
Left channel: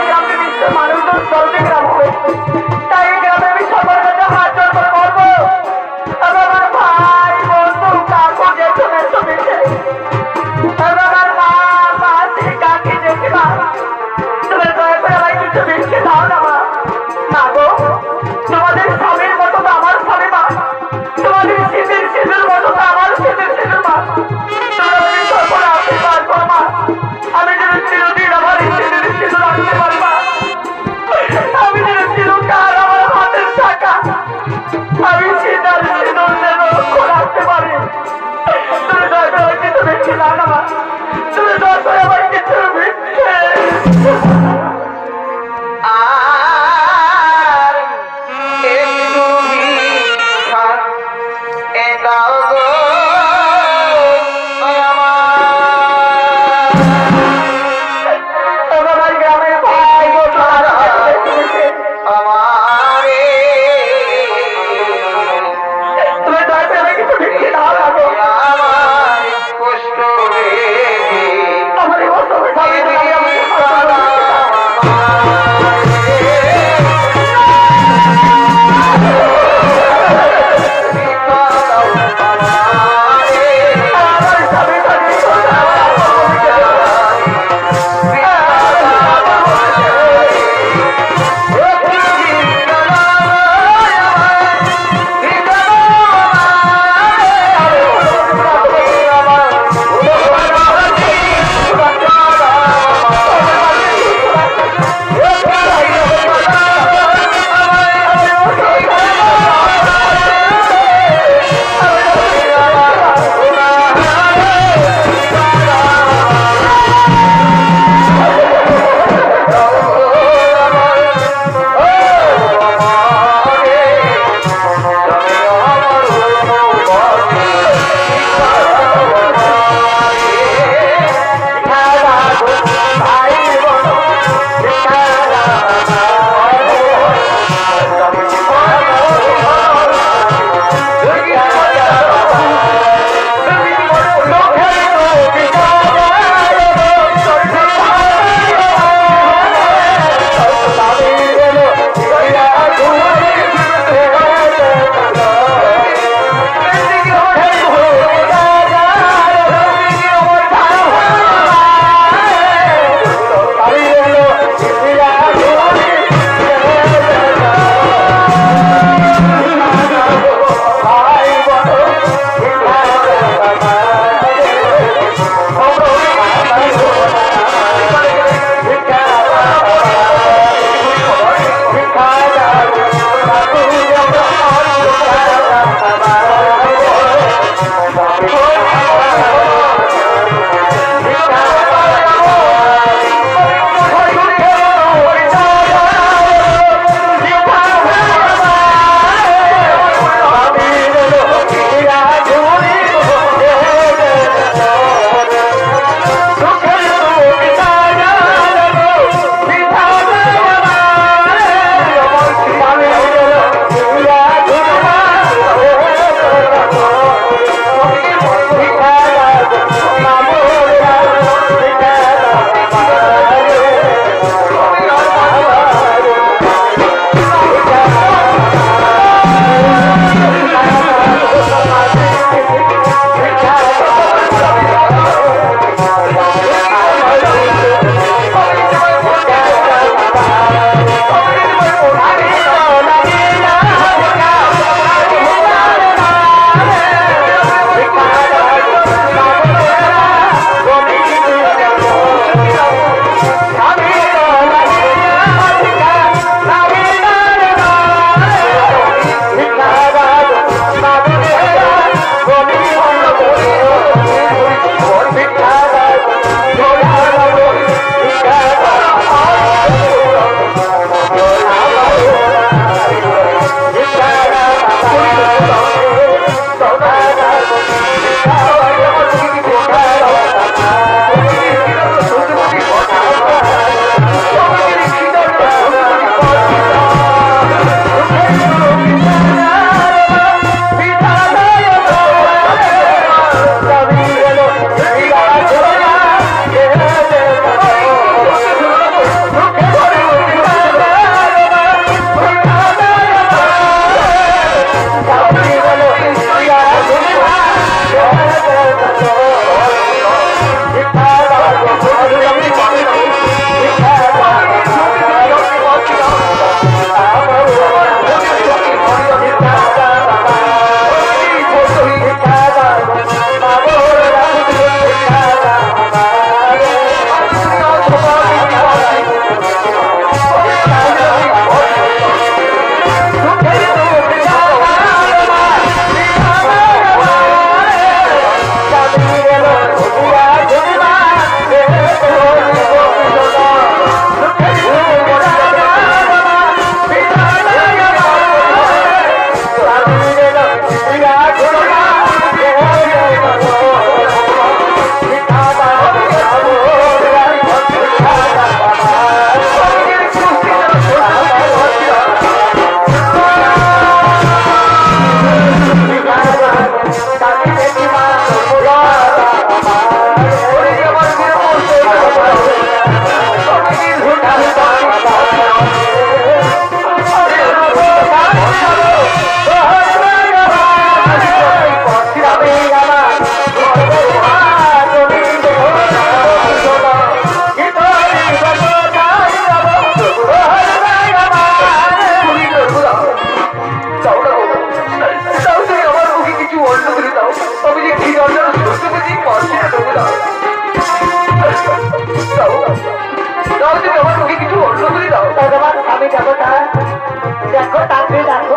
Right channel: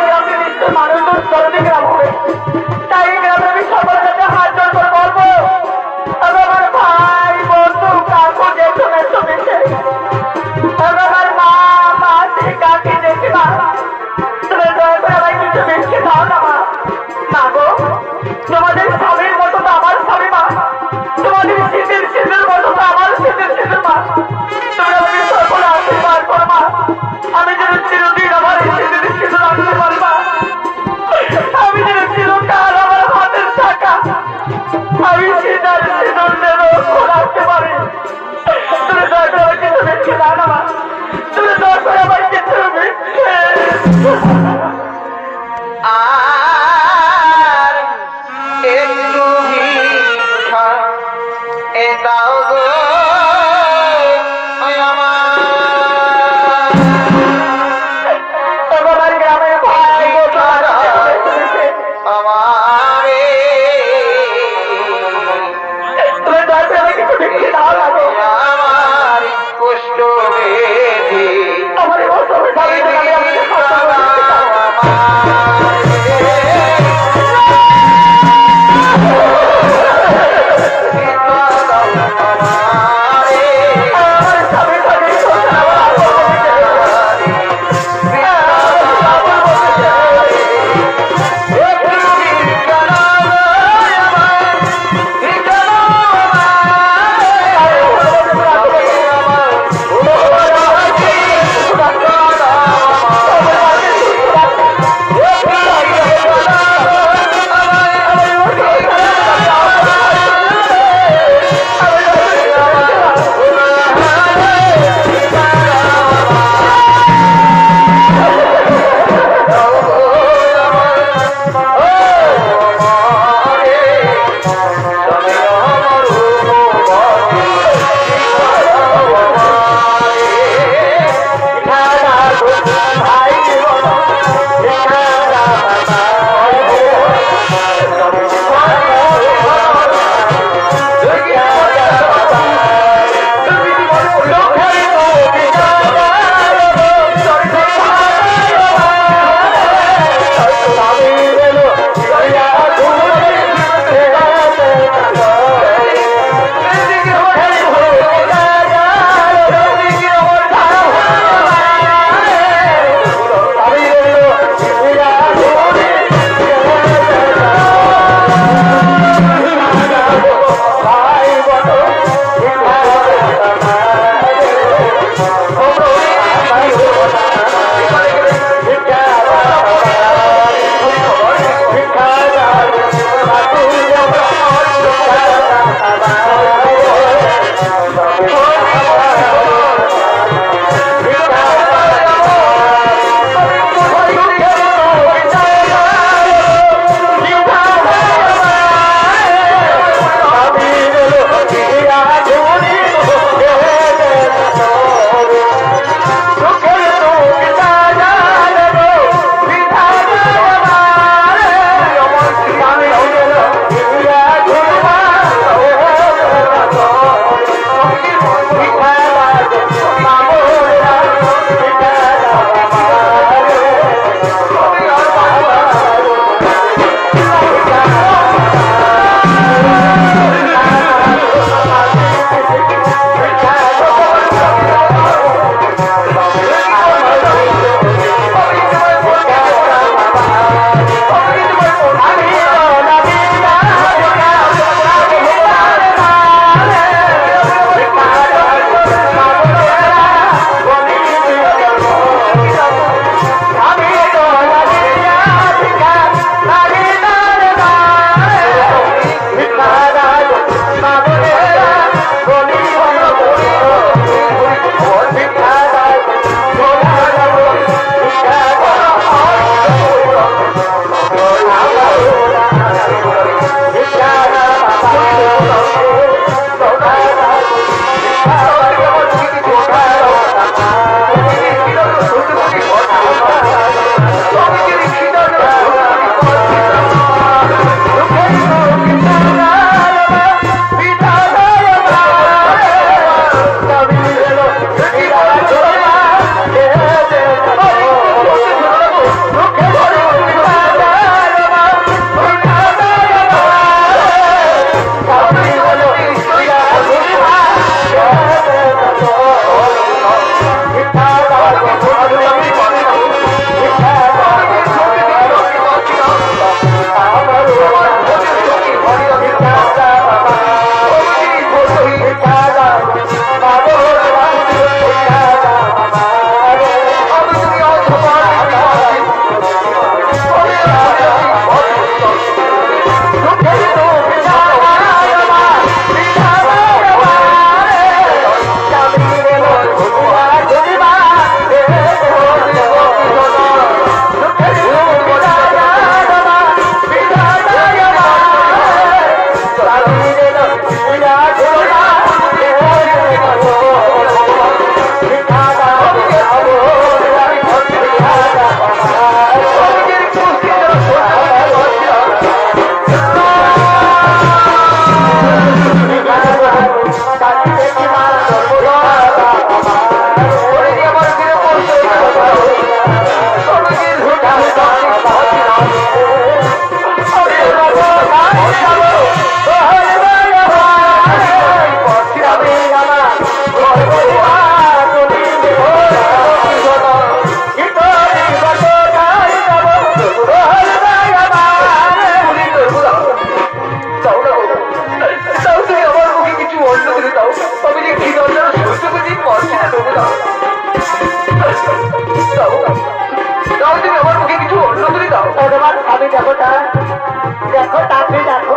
দেখো তাকে দেখো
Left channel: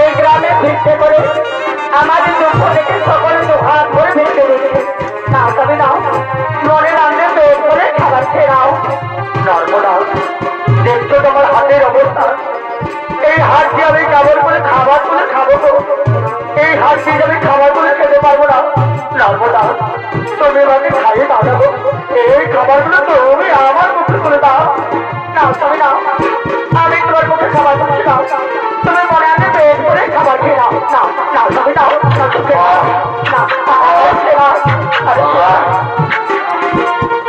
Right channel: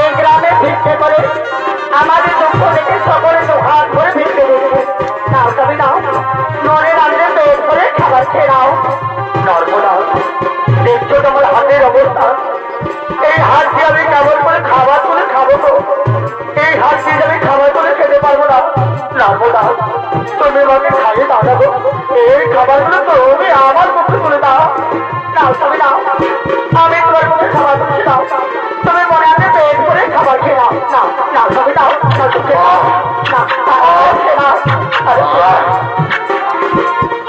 এই গ্রামে ভিক্ষে করে আমাদের দুঃখ দেখে সকলে হাত করে ভিক্ষে দিচ্ছে। নাও তবে নাও মনে রান্নে পেট করে খাবার খেয়ে নাও। নর্মদা দেখছো তোমার হাতের অবস্থা, এই হাত দিয়ে আমি কেমন করে খাবার করে খাবো তো, এই হাত দিয়ে আমি খাবার করে খেতে পারবো না। নর্মদা তুমি আমাকে খাইয়ে দাঁড়াবো, এই খাবারগুলো তুমি আমার মুখে তুলে দাও। নাও তবে নাও, আমি তোমার মুখে খাবার করছি নাও, তুমি মনে আগে পেট করে খাবার খেয়ে নাও। নাও নাও তবে নাও,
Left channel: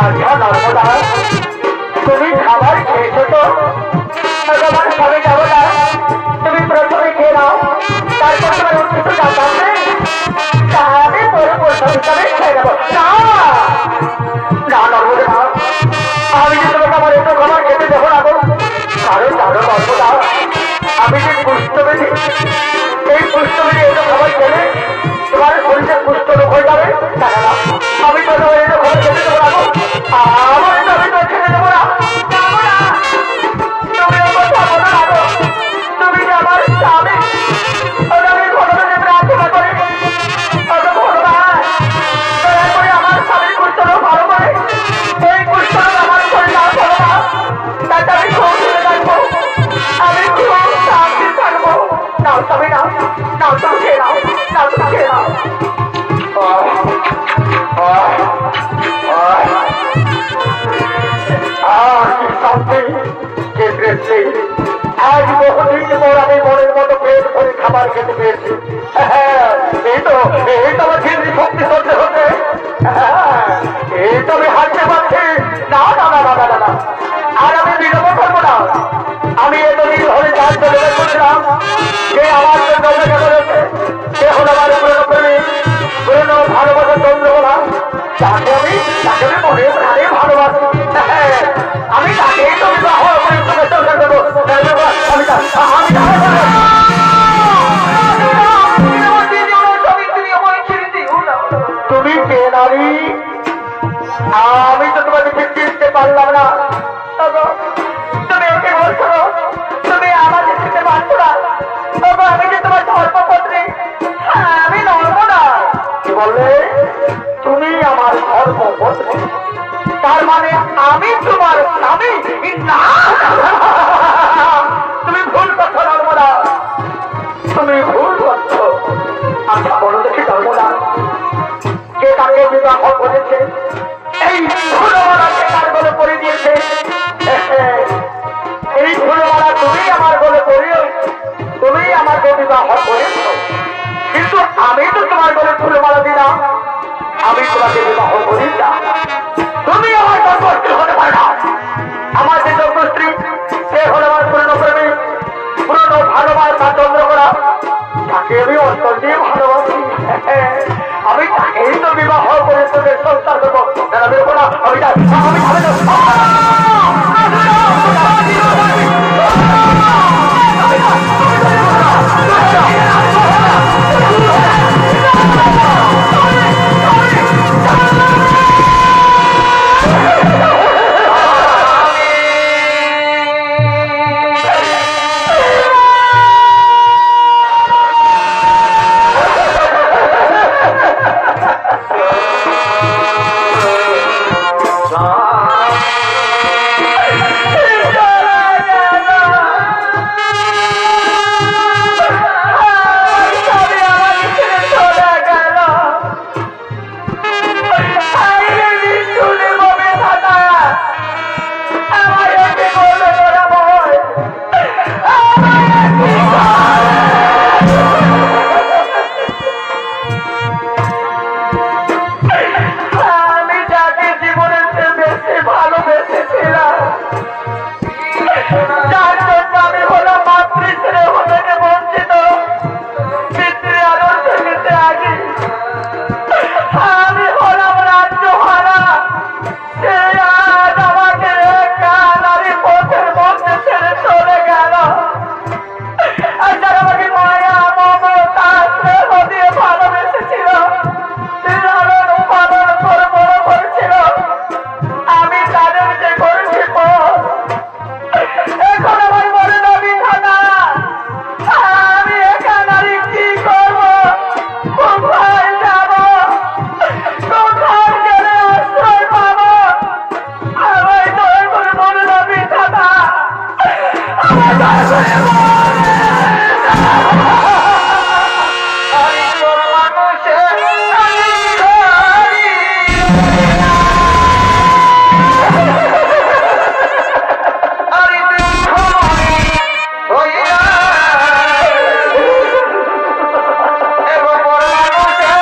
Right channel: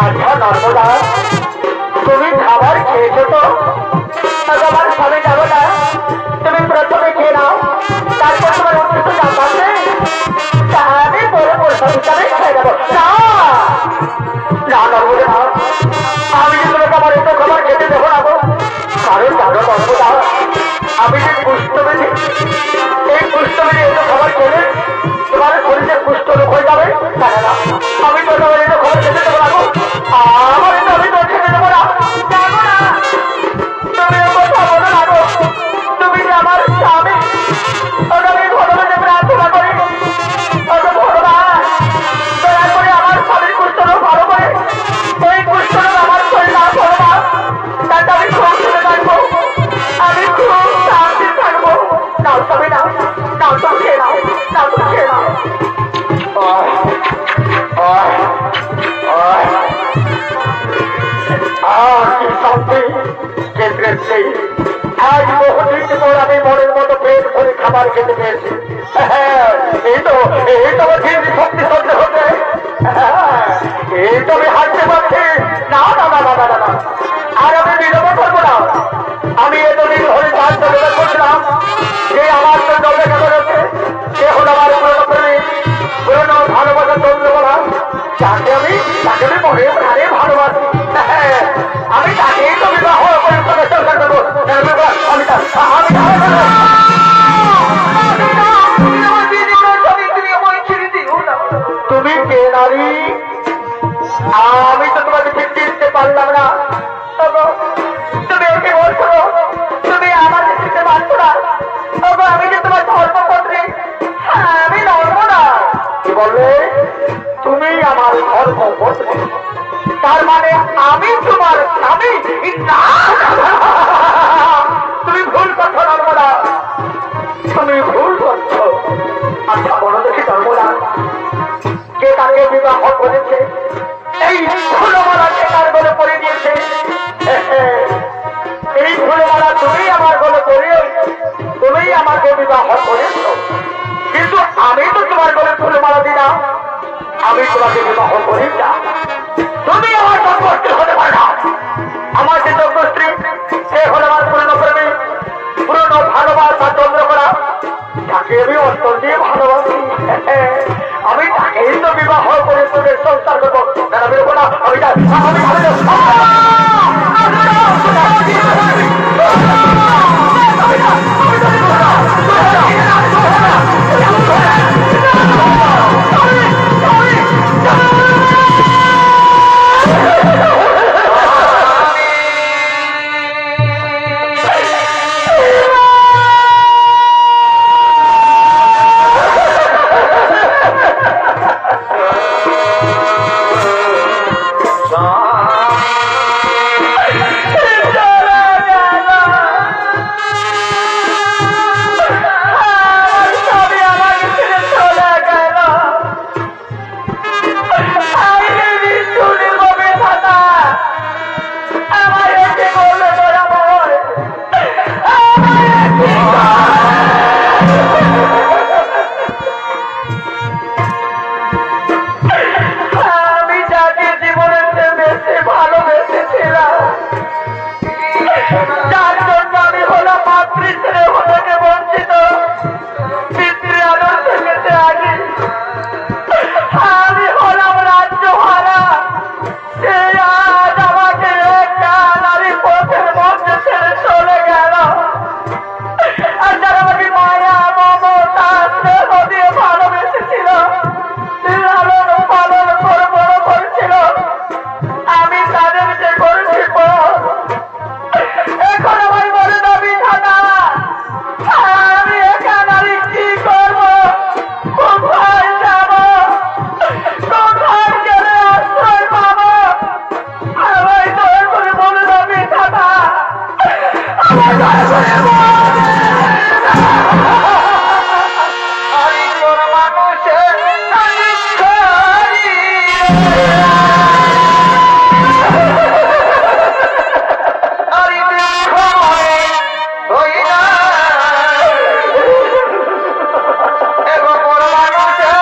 আচ্ছা নর্মদা তুমি খাবার খেয়েছো তো, তোমার সবে যাবো না, তুমি প্রথমে খেয়ে নাও, তারপর তোমার উঠতে তো যাবো তাহলে তোর প্রথম হিসাবে খেয়ে যাবো। না নর্মদা আমি কিন্তু আমার এত খাবার খেতে দেবো না গো, কারণ জানো নর্মদা আমি যে পুষ্ট বেশি, এই পুষ্ট বেশি এত খাবার খেলে তোমার শরীরের পুষ্ট রোগ হয়ে যাবে। না আমি তো তোমার এত খাবার খেতে দেবো না গো, আমার তো আমি তো খেতে দেবো না। তুমি আমার খাবো না গো, তুমি আমার স্বামী, আমি ঘটনাকে প্রার্থনা করে ভগবান দয়া করে আমার স্বামীর কুষ্ঠ রোগ ভালো করে, এই কুষ্ঠ রোগ আমার শরীর না ভগবান, তাতে আমি খুব খেয়ে থাকবো, আমি খুব শান্তি থাকবো। নাও তবে নাও, নাও তো খেয়ে নাও, নাও তো খেয়ে নাও। আজ বহুদিন পর আমি মনের মতো পেট ভরে খাবার খেতে পেয়েছি। এই তো আমার জীবনী শক্তি সহ্য হচ্ছে, এই তো আমি হাঁটতে পারছি। না না না না না না, আর আমি নিরাপদ করবো না। আমি এতদিন ধরে কাজ করে করছিলাম যে আমার জন্য রয়েছে, সে হল আমার পুরনো ভালোবাসার চন্দ্রকলা, তাকে আমি মনে প্রাণে ভালোবাসি। আমি তাকেই তো বিবাহ পরিশ্রমের চেষ্টা করবো। তুমি কে নারী? আমি তো তোমাকে ফিরতে দিতে পারলাম না, তুমি ওকে বলছো তুমি আমাকে দিতে পারছো না। আমি যে তোমার ধর্মপত্নী, আমি নর্মদা। কি বললে তুমি আমার ধর্মপত্নী? তার মানে আমি তোমার স্বামী? তুমি ভুল করছো নর্মদা, তুমি ভুল করছো। আচ্ছা বলো দেখি নর্মদা, কে তাকে বিবাহ করেছে? এই ফুলমালাকে কার গলে পড়ে দিয়েছে? এই ফুলমালা তুমি আমার গলে পড়ে, তুমি আমার গলে বিবাহ করেছ, কিন্তু আমি তো তোমার গলে ফুলমালা দিই না, আমি তোমাকে বিবাহ করি না। তুমি আমার জন্মস্ত্রী হতে পারে না। আমার যে জন্মস্ত্রী সে হল আমার পুরনো প্রেমী, পুরনো ভালোবাসা চন্দ্রকলা, তাকে আমি অন্তর দিয়ে ভালোবাসি। আমি তাকেই তো বিবাহ করে তোদের সংসার করবো। আমি যার জন্য আমি হলাম মাতৃত্বে থেকে বঞ্চিত, পিতৃ আদর থেকে ত্যাগী, আমি হলাম রাজ্য হারা। সে আজ আমাকে একটা নারী পথের মধ্যে ছেড়ে চলে গেল। আর যারা আমাকে মায়া মমতা স্নেহ দিয়ে ভালোবেসেছিল, লালন পালন করে বড় করেছিল, আমি তাদেরকে করেছি পথ। এখন আমার বলে নবী খানা, আমি এখানে আমি কি করবো? কোথায় যাবো? কোথায় গেলে আশ্রয় পাবো? আমায় দয়া করে বলে নবী খানা, আমায় দয়া করে আমি তোর মানুষের আমি করি। আমি দুঃখ মনে হই না, এবং তোর মানুষের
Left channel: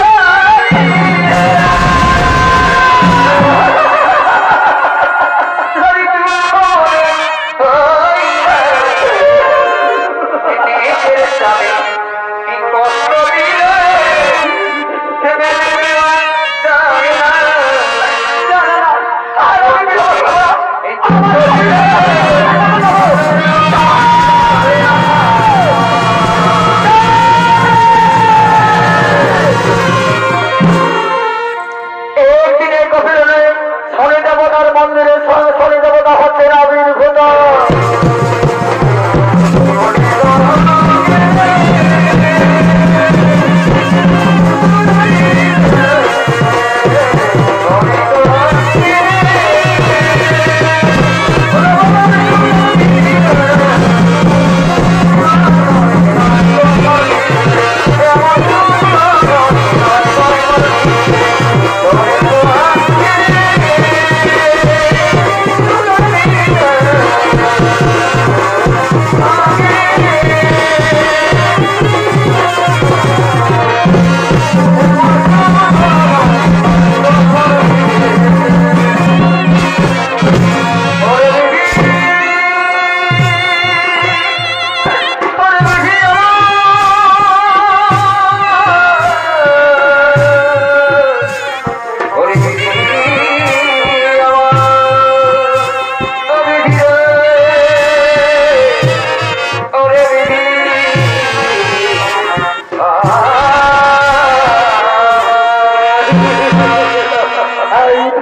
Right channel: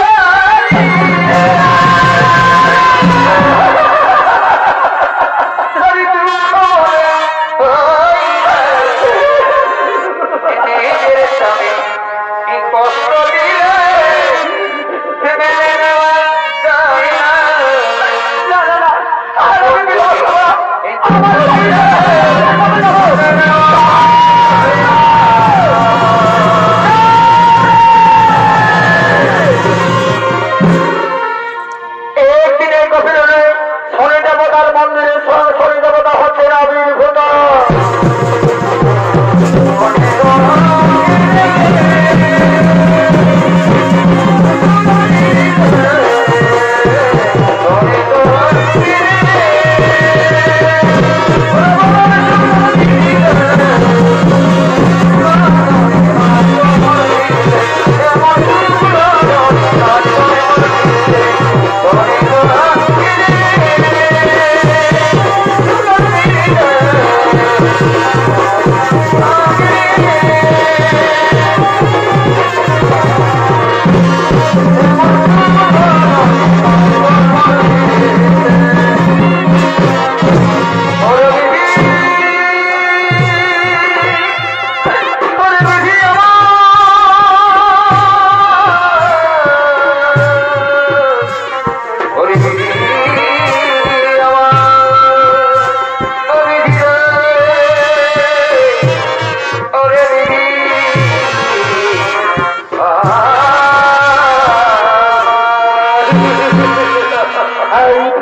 করি। আমি দুঃখ মনে হই না, নিজের স্বামী কি কষ্ট দিলে মেনে নেওয়া যায় না। একদিকে কপিলে শনি দেবতার মন্দিরে শনি দেবতা হচ্ছে আবির্ভূত।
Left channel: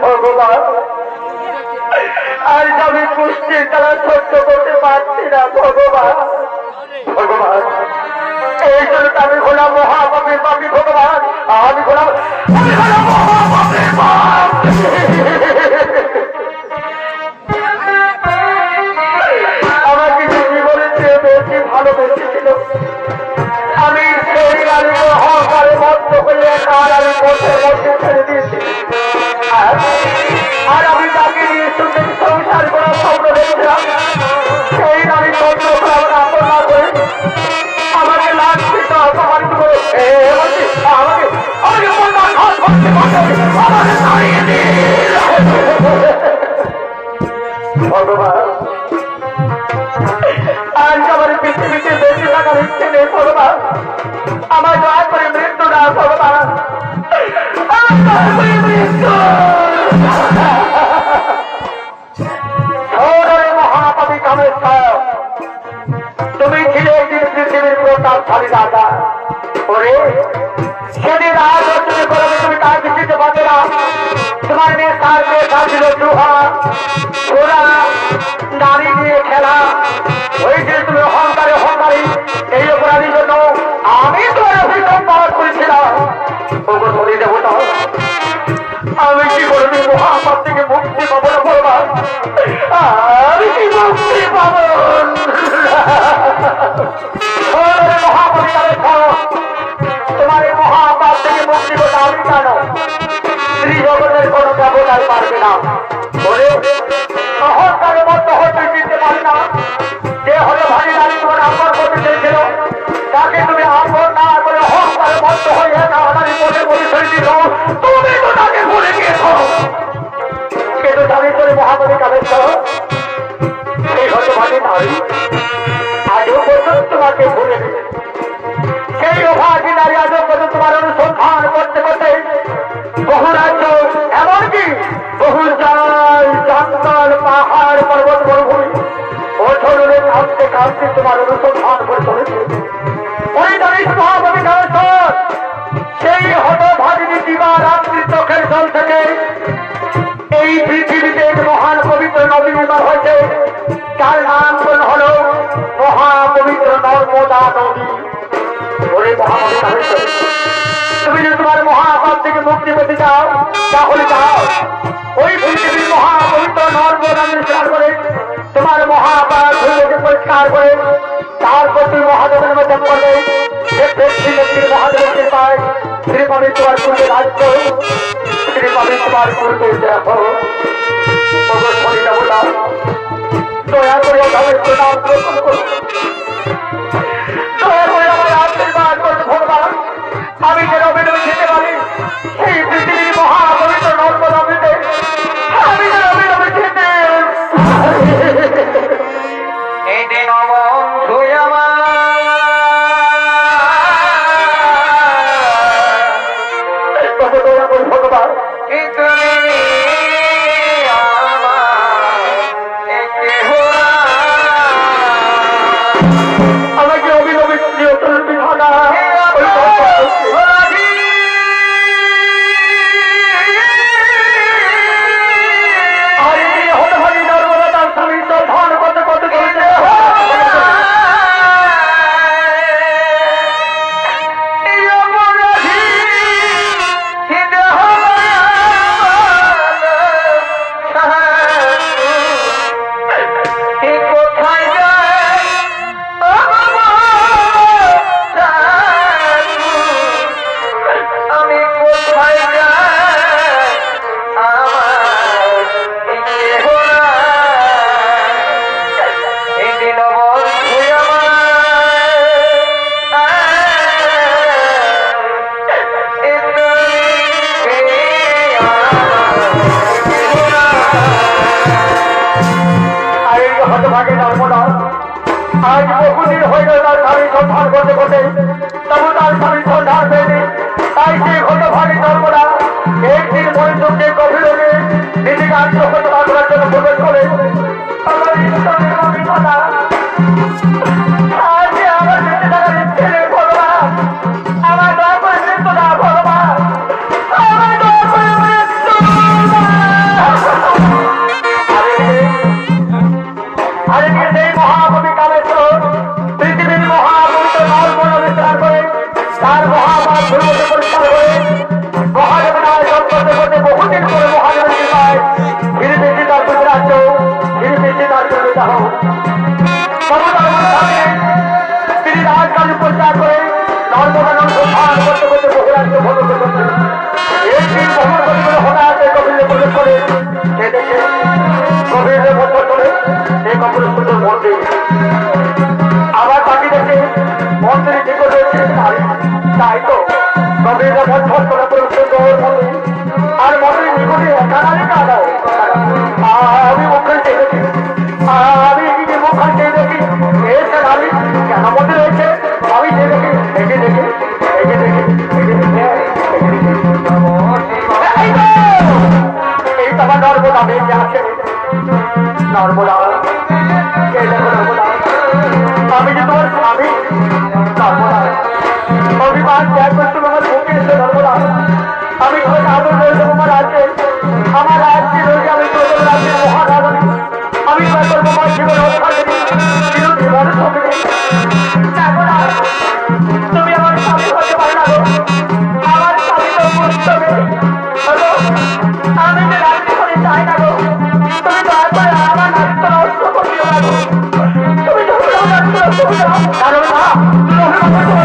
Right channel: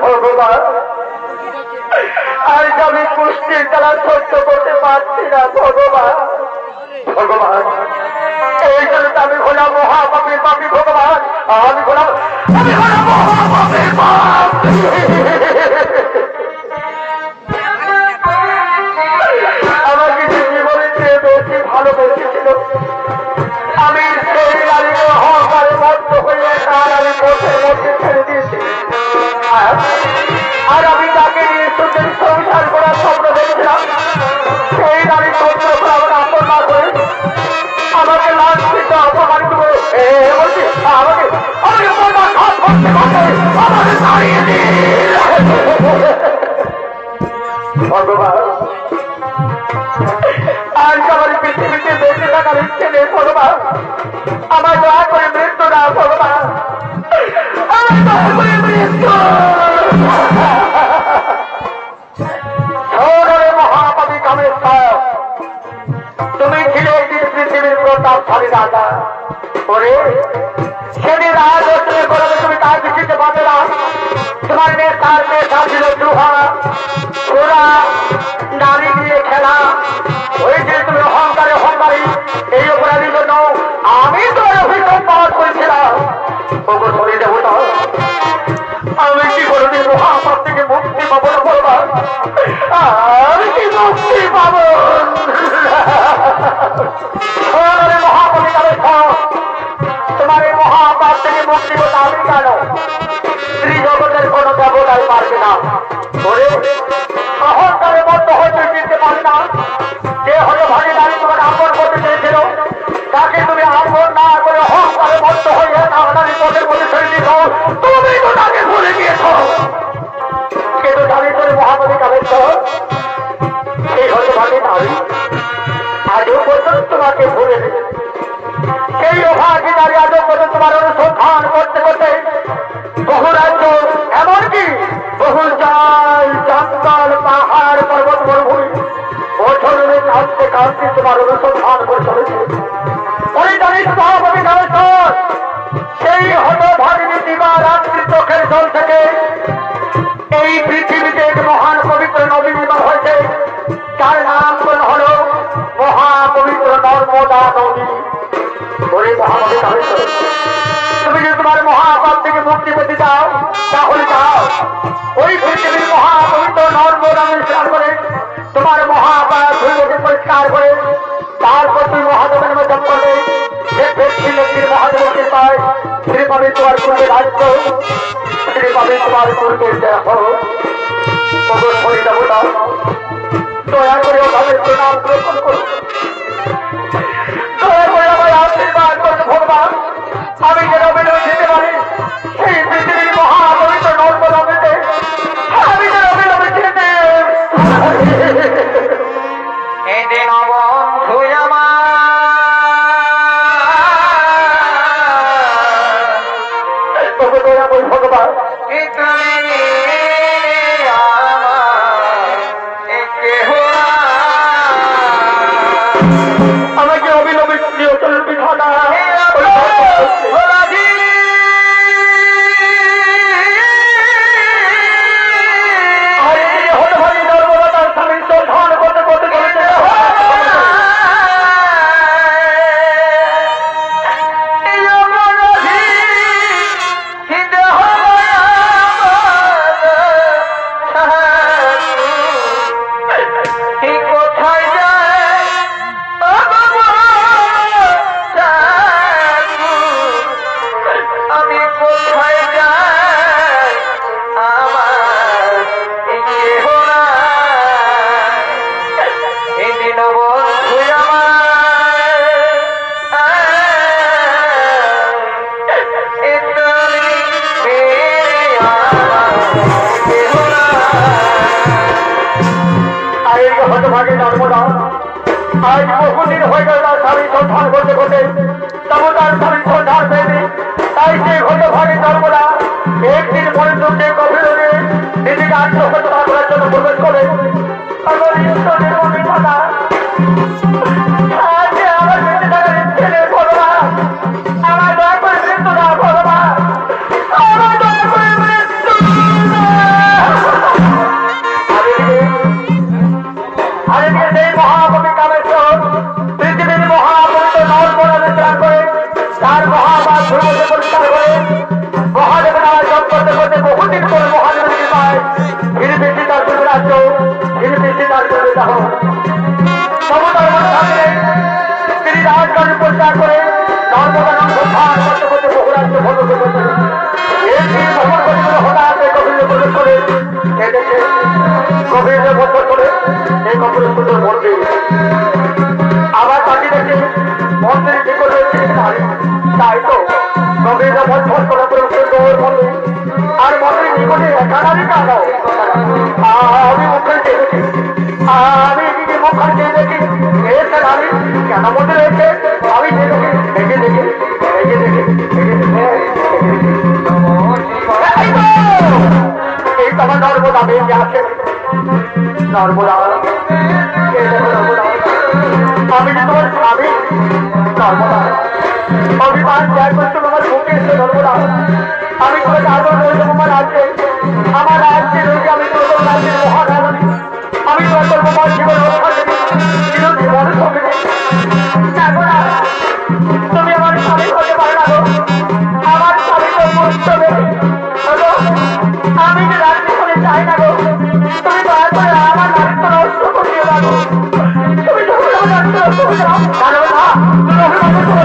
ভগবান, আজ আমি পুষ্টির দ্বারা সহ্য করতে পারছি না। ভগবান, ভগবান, এই জন্য আমি হলাম মহাপাপীর পাপী। ভগবান, আমি হলাম মহাপাপীর পাপ। আমাকে যে জীবনের চেয়ে বেশি ভালোবেসেছিল, আমি সেই নারীকে অহংকারে মত্ত হয়ে তার আমি পথের মধ্যে ছেড়ে দিয়েছি। আর আমি যাকে নিয়ে সুন্দর সংসার করার স্বপ্ন দেখছিলাম, সেই নারী সত্য আমাকে আপন না করে আমাকে লাঞ্ছিত অপমানিত করে আমাকে আমাকে মনটা ঘাত করতে করতে আমাকে তাড়িয়ে দিল। ভগবান, আজ আমার পৃথিবীতে বেঁচে থাকার ইচ্ছে নেই। ভগবান, আমার দয়া করে মৃত্যু না। ভগবান, আমার দয়া করে মৃত্যু। মহাপাপী কামেশ্বর, তুমি ছিলে একদিন পৃথিবীর প্রতাপশালী রাজা। ওরে, সেদিন রাজনী করবে তুমি তার কিছুতে পারবে না। তোমার মেয়ে ছিল জুহা, ঘোড়া, নারী নিয়ে খেলা। ওই যে তুমি অহংকারে অহংকারী, এই অপরাধীর জন্য আমি তোমার অভিযোগ পালন করেছিলাম। ওগো শনি দেবতা, আমি কি কোনদিন মহাপাপ থেকে মুক্তি পাবো না? ভগবান, আমি কি মুক্তি পাবো? মহাপাপী কামেশ্বর, তোমার এই মহাপাপ থেকে মুক্তি পেতে আমি কেন? শ্রী জগতের কোন দেবতাই পারবে না। বলে অহংকারের মধ্যে হয়তো চিনতে পারি না। যে হলো ভাগিদারি তোমার আপন করতে চেয়েছিল, তাকে তুমি আপন না করে অহংকারের মধ্যে হয়ে তাড়াতাড়ি পথের মধ্যে ছেড়ে দিত। তুমি তো তাকে ভুলে গিয়েছ। কিন্তু দাবি করে মহাপাপী কামেশ্বর, হতভাগী নারী আজও পর্যন্ত তোমাকে ভুলে নেই। সেই অভাগী নারী আজও পর্যন্ত তোমার অনুসন্ধান করতে করতে বহু রাজ্য এমনকি বহু জল জঙ্গল পাহাড় পর্বত মরুভূমি বছরে কাঁদতে কাঁদতে তোমার অনুসন্ধান করে চলেছে। ওই জানিস মহাভাবী নামেশ্বর সেই হতভাগিনী দিবা রাত্রি চোখের জল থেকে এই পৃথিবীতে এক মহান পবিত্র নদী নির্মাণ হয়েছে, যার নামকরণ হল মহাপবিত্র নর্মদা নদী। ওরে মহাভাবী নামেশ্বর, তুমি যদি তোমার মহাপাপ থেকে মুক্তি পেতে চাও তাহলে যাও ওই পৃথিবীর মহাপবিত্র নর্মদা স্নান করে তোমার মহাপাপ ধুলোকে পরিষ্কার করে তারপর তুমি মহাদেবের মধ্যে করবে। যে ব্যক্তি ব্যক্তির মহাদেবের কৃপায় শ্রী পাবে তোমার পূর্বে রাজ্য, শ্রী পাবে তোমার পূর্বে দেখো হরি দেবতা দয়া করে ওদের প্রণাম গ্রহণ করো, দয়া করে আমার আশীর্বাদ করতে ভগবান। আমি যে রবে নই যেতে পারি সেই পৃথিবীর মহাপবিত্র নর্মদা নদীতে আমি যে রবে নই যেতে এদিন বন্ধু আমার ভগবান আমাকে অভিনবিত বিধানা হতভাগী নর্মদা তার স্বামী সন্ধান করতে করতে চলেছে। হতভাগী নর্মদা আজ বহুদিন হয়ে গেল তার স্বামী সন্ধান করতে করতে, তবু তার স্বামী সন্ধান পেয়েছে। তাই সেই হতভাগী নর্মদা একদিন মরিচুকে গভীরে নিজেকে আত্মহত্যা করার জন্য প্রবেশ করে। আমার ঈশ্বরের অভিজ্ঞতা আজ আমার বেঁচে থাকার ইচ্ছে নেই ভগবান, আমার দয়া করে মৃত্যু দাও ভগবান, আমার দয়া করে মৃত্যু সেই মহাকবি কামেশ্বর পৃথিবীর মহাপবিত্র নর্মদা বিস্তার করে তার মহাপাপ ধর্মকে পরিষ্কার করে মহাদেব নামে জপ করতে করতে বহুদিন করে মহাদেবের কৃপায় ধীরে ধীরে তার পূর্বে রাজ্য, ধীরে ধীরে তার পূর্বে দাহ সমতার মধ্যে থাকে। তিনি রাজকালী পরিষ্কার করে নর্মদা নাম সন্ধান করতে করতে বহু রাজ্য ভ্রমণ করতে এই ভ্রমণ করতে হঠাৎ গভীরে প্রবেশ করে এই দেখে গভীরে বছর করে এই কপুর সুন্দর মন্দির। আবার তাকে দেখে মন্দিরের নিকট রয়েছে নারী, তাই তো গভীরে বছর করে সুন্দর মন্দির। আর মন্দিরের নিকটে একা নারী কাঁদো, আমি মুখখান দেখেছি, আমি এদিকে মুখখান দেখি এসে নারী কেন মন্দির রয়েছে, আমি দেখে দেখে দেখে দেখে দেখে দেখে দেখে এই তোমার নর্মদা বেঁচে আছে। নর্মদা নর্মদা আমি যে তোমার স্বামী নর্মদা অভিমান ত্যাগ করছো আমার বুকে এসে নর্মদা আমি তোমাকে আদর রয়েছে আমার রাজ্যে, আমার রাজ্যে রয়েছে আমি তোমার রাজ্যের মহারানী, আমি তোমার করবো আমার জীবন রক্ষা করি চিরজীবন সঙ্গে। তুমি আমার স্বামী হতে পারো না, আমার স্বামী তো মুক্তবে আমি যে রাজ্যে করে চাই না গো, তুমি দয়া করে আমার নাট্য নষ্ট করিও না গো, তুমি নাট্য নষ্ট করতে পারো না, তুমি অভিমান করো।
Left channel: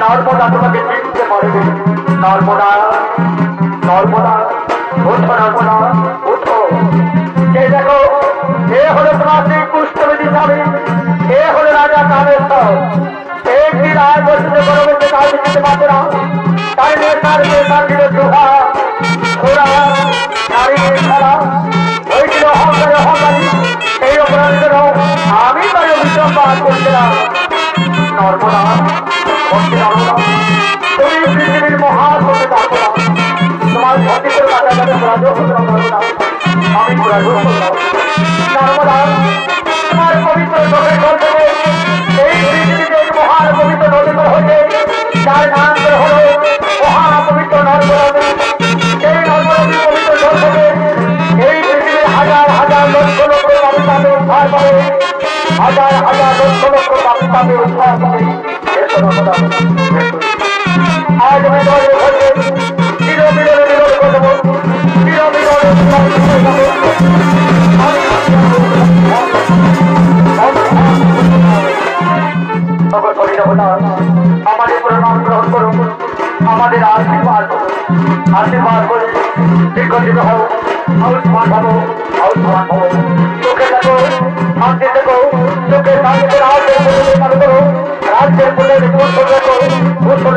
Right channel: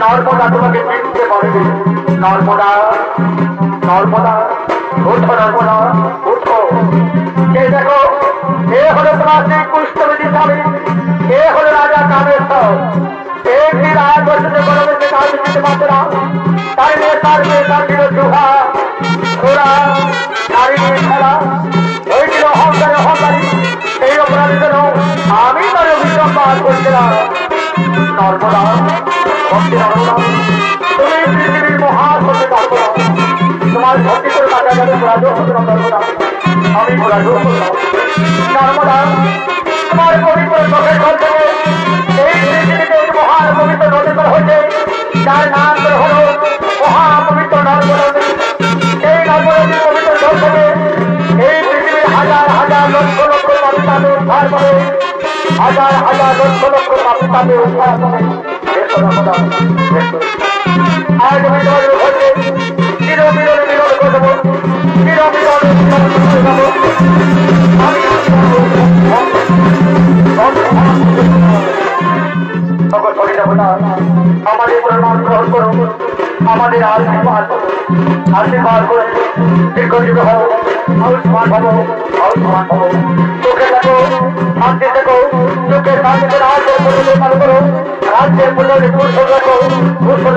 নর্মদা তোমাকে চিনতে পারবে, নর্মদা নর্মদা ওঠো, নর্মদা ওঠো। এই দেখো এ হলো তোমার সেই কুষ্ঠবেদী স্বামী, এ হলো রাজা কামেশ্বর। এই রায় বছরে গরমে আমি দিতে পারবো না। তাই নিয়ে তার মেয়ে তার দিল চুহা ঘোড়া নারী নিয়ে খেলা হয়েছিল অহংকারে অহংকারী। এই অপরাধ যেন আমি তার অভিশাপ পাঠ করছিলাম। নর্মদা ভক্তি নর্মদা, তুমি পৃথিবীর মহান হতে পারবো না। তোমার ভক্তি করে বাঁচা যাবে রাজ হতে না পারবো না। আমি রাজ নর্মদা, তোমার পবিত্র চোখের জল থেকে এই পৃথিবীতে এক মহান পবিত্র নদী করা হয়েছে, যার নাম করে হল মহাপবিত্র নর্মদা নদী। এই নর্মদা নদীর পবিত্র জল থেকে এই পৃথিবীর হাজার হাজার লক্ষ লক্ষ মানুষ তাদের উদ্ধার করে, হাজার হাজার লক্ষ লক্ষ মানুষ তাদের উদ্ধার করে। আজ আমি তোমাদের হয়েছে চির মিলনে মিলন করে দেবো, চির মিলনে মিলন করে দেবো। আমি আমাদের প্রণাম গ্রহণ করুন, আমাদের আশীর্বাদ করুন, আশীর্বাদ করে দীর্ঘজীব হও, আয়ুষ্মান হবো, আয়ুষ্মান হবো। চোখে দেখো, শান্তি দেখো, চোখের শান্তিতে রাজ্যের প্রজেদের চালু করো, রাজ্যের প্রজেদের কুশল রেখো, কুশল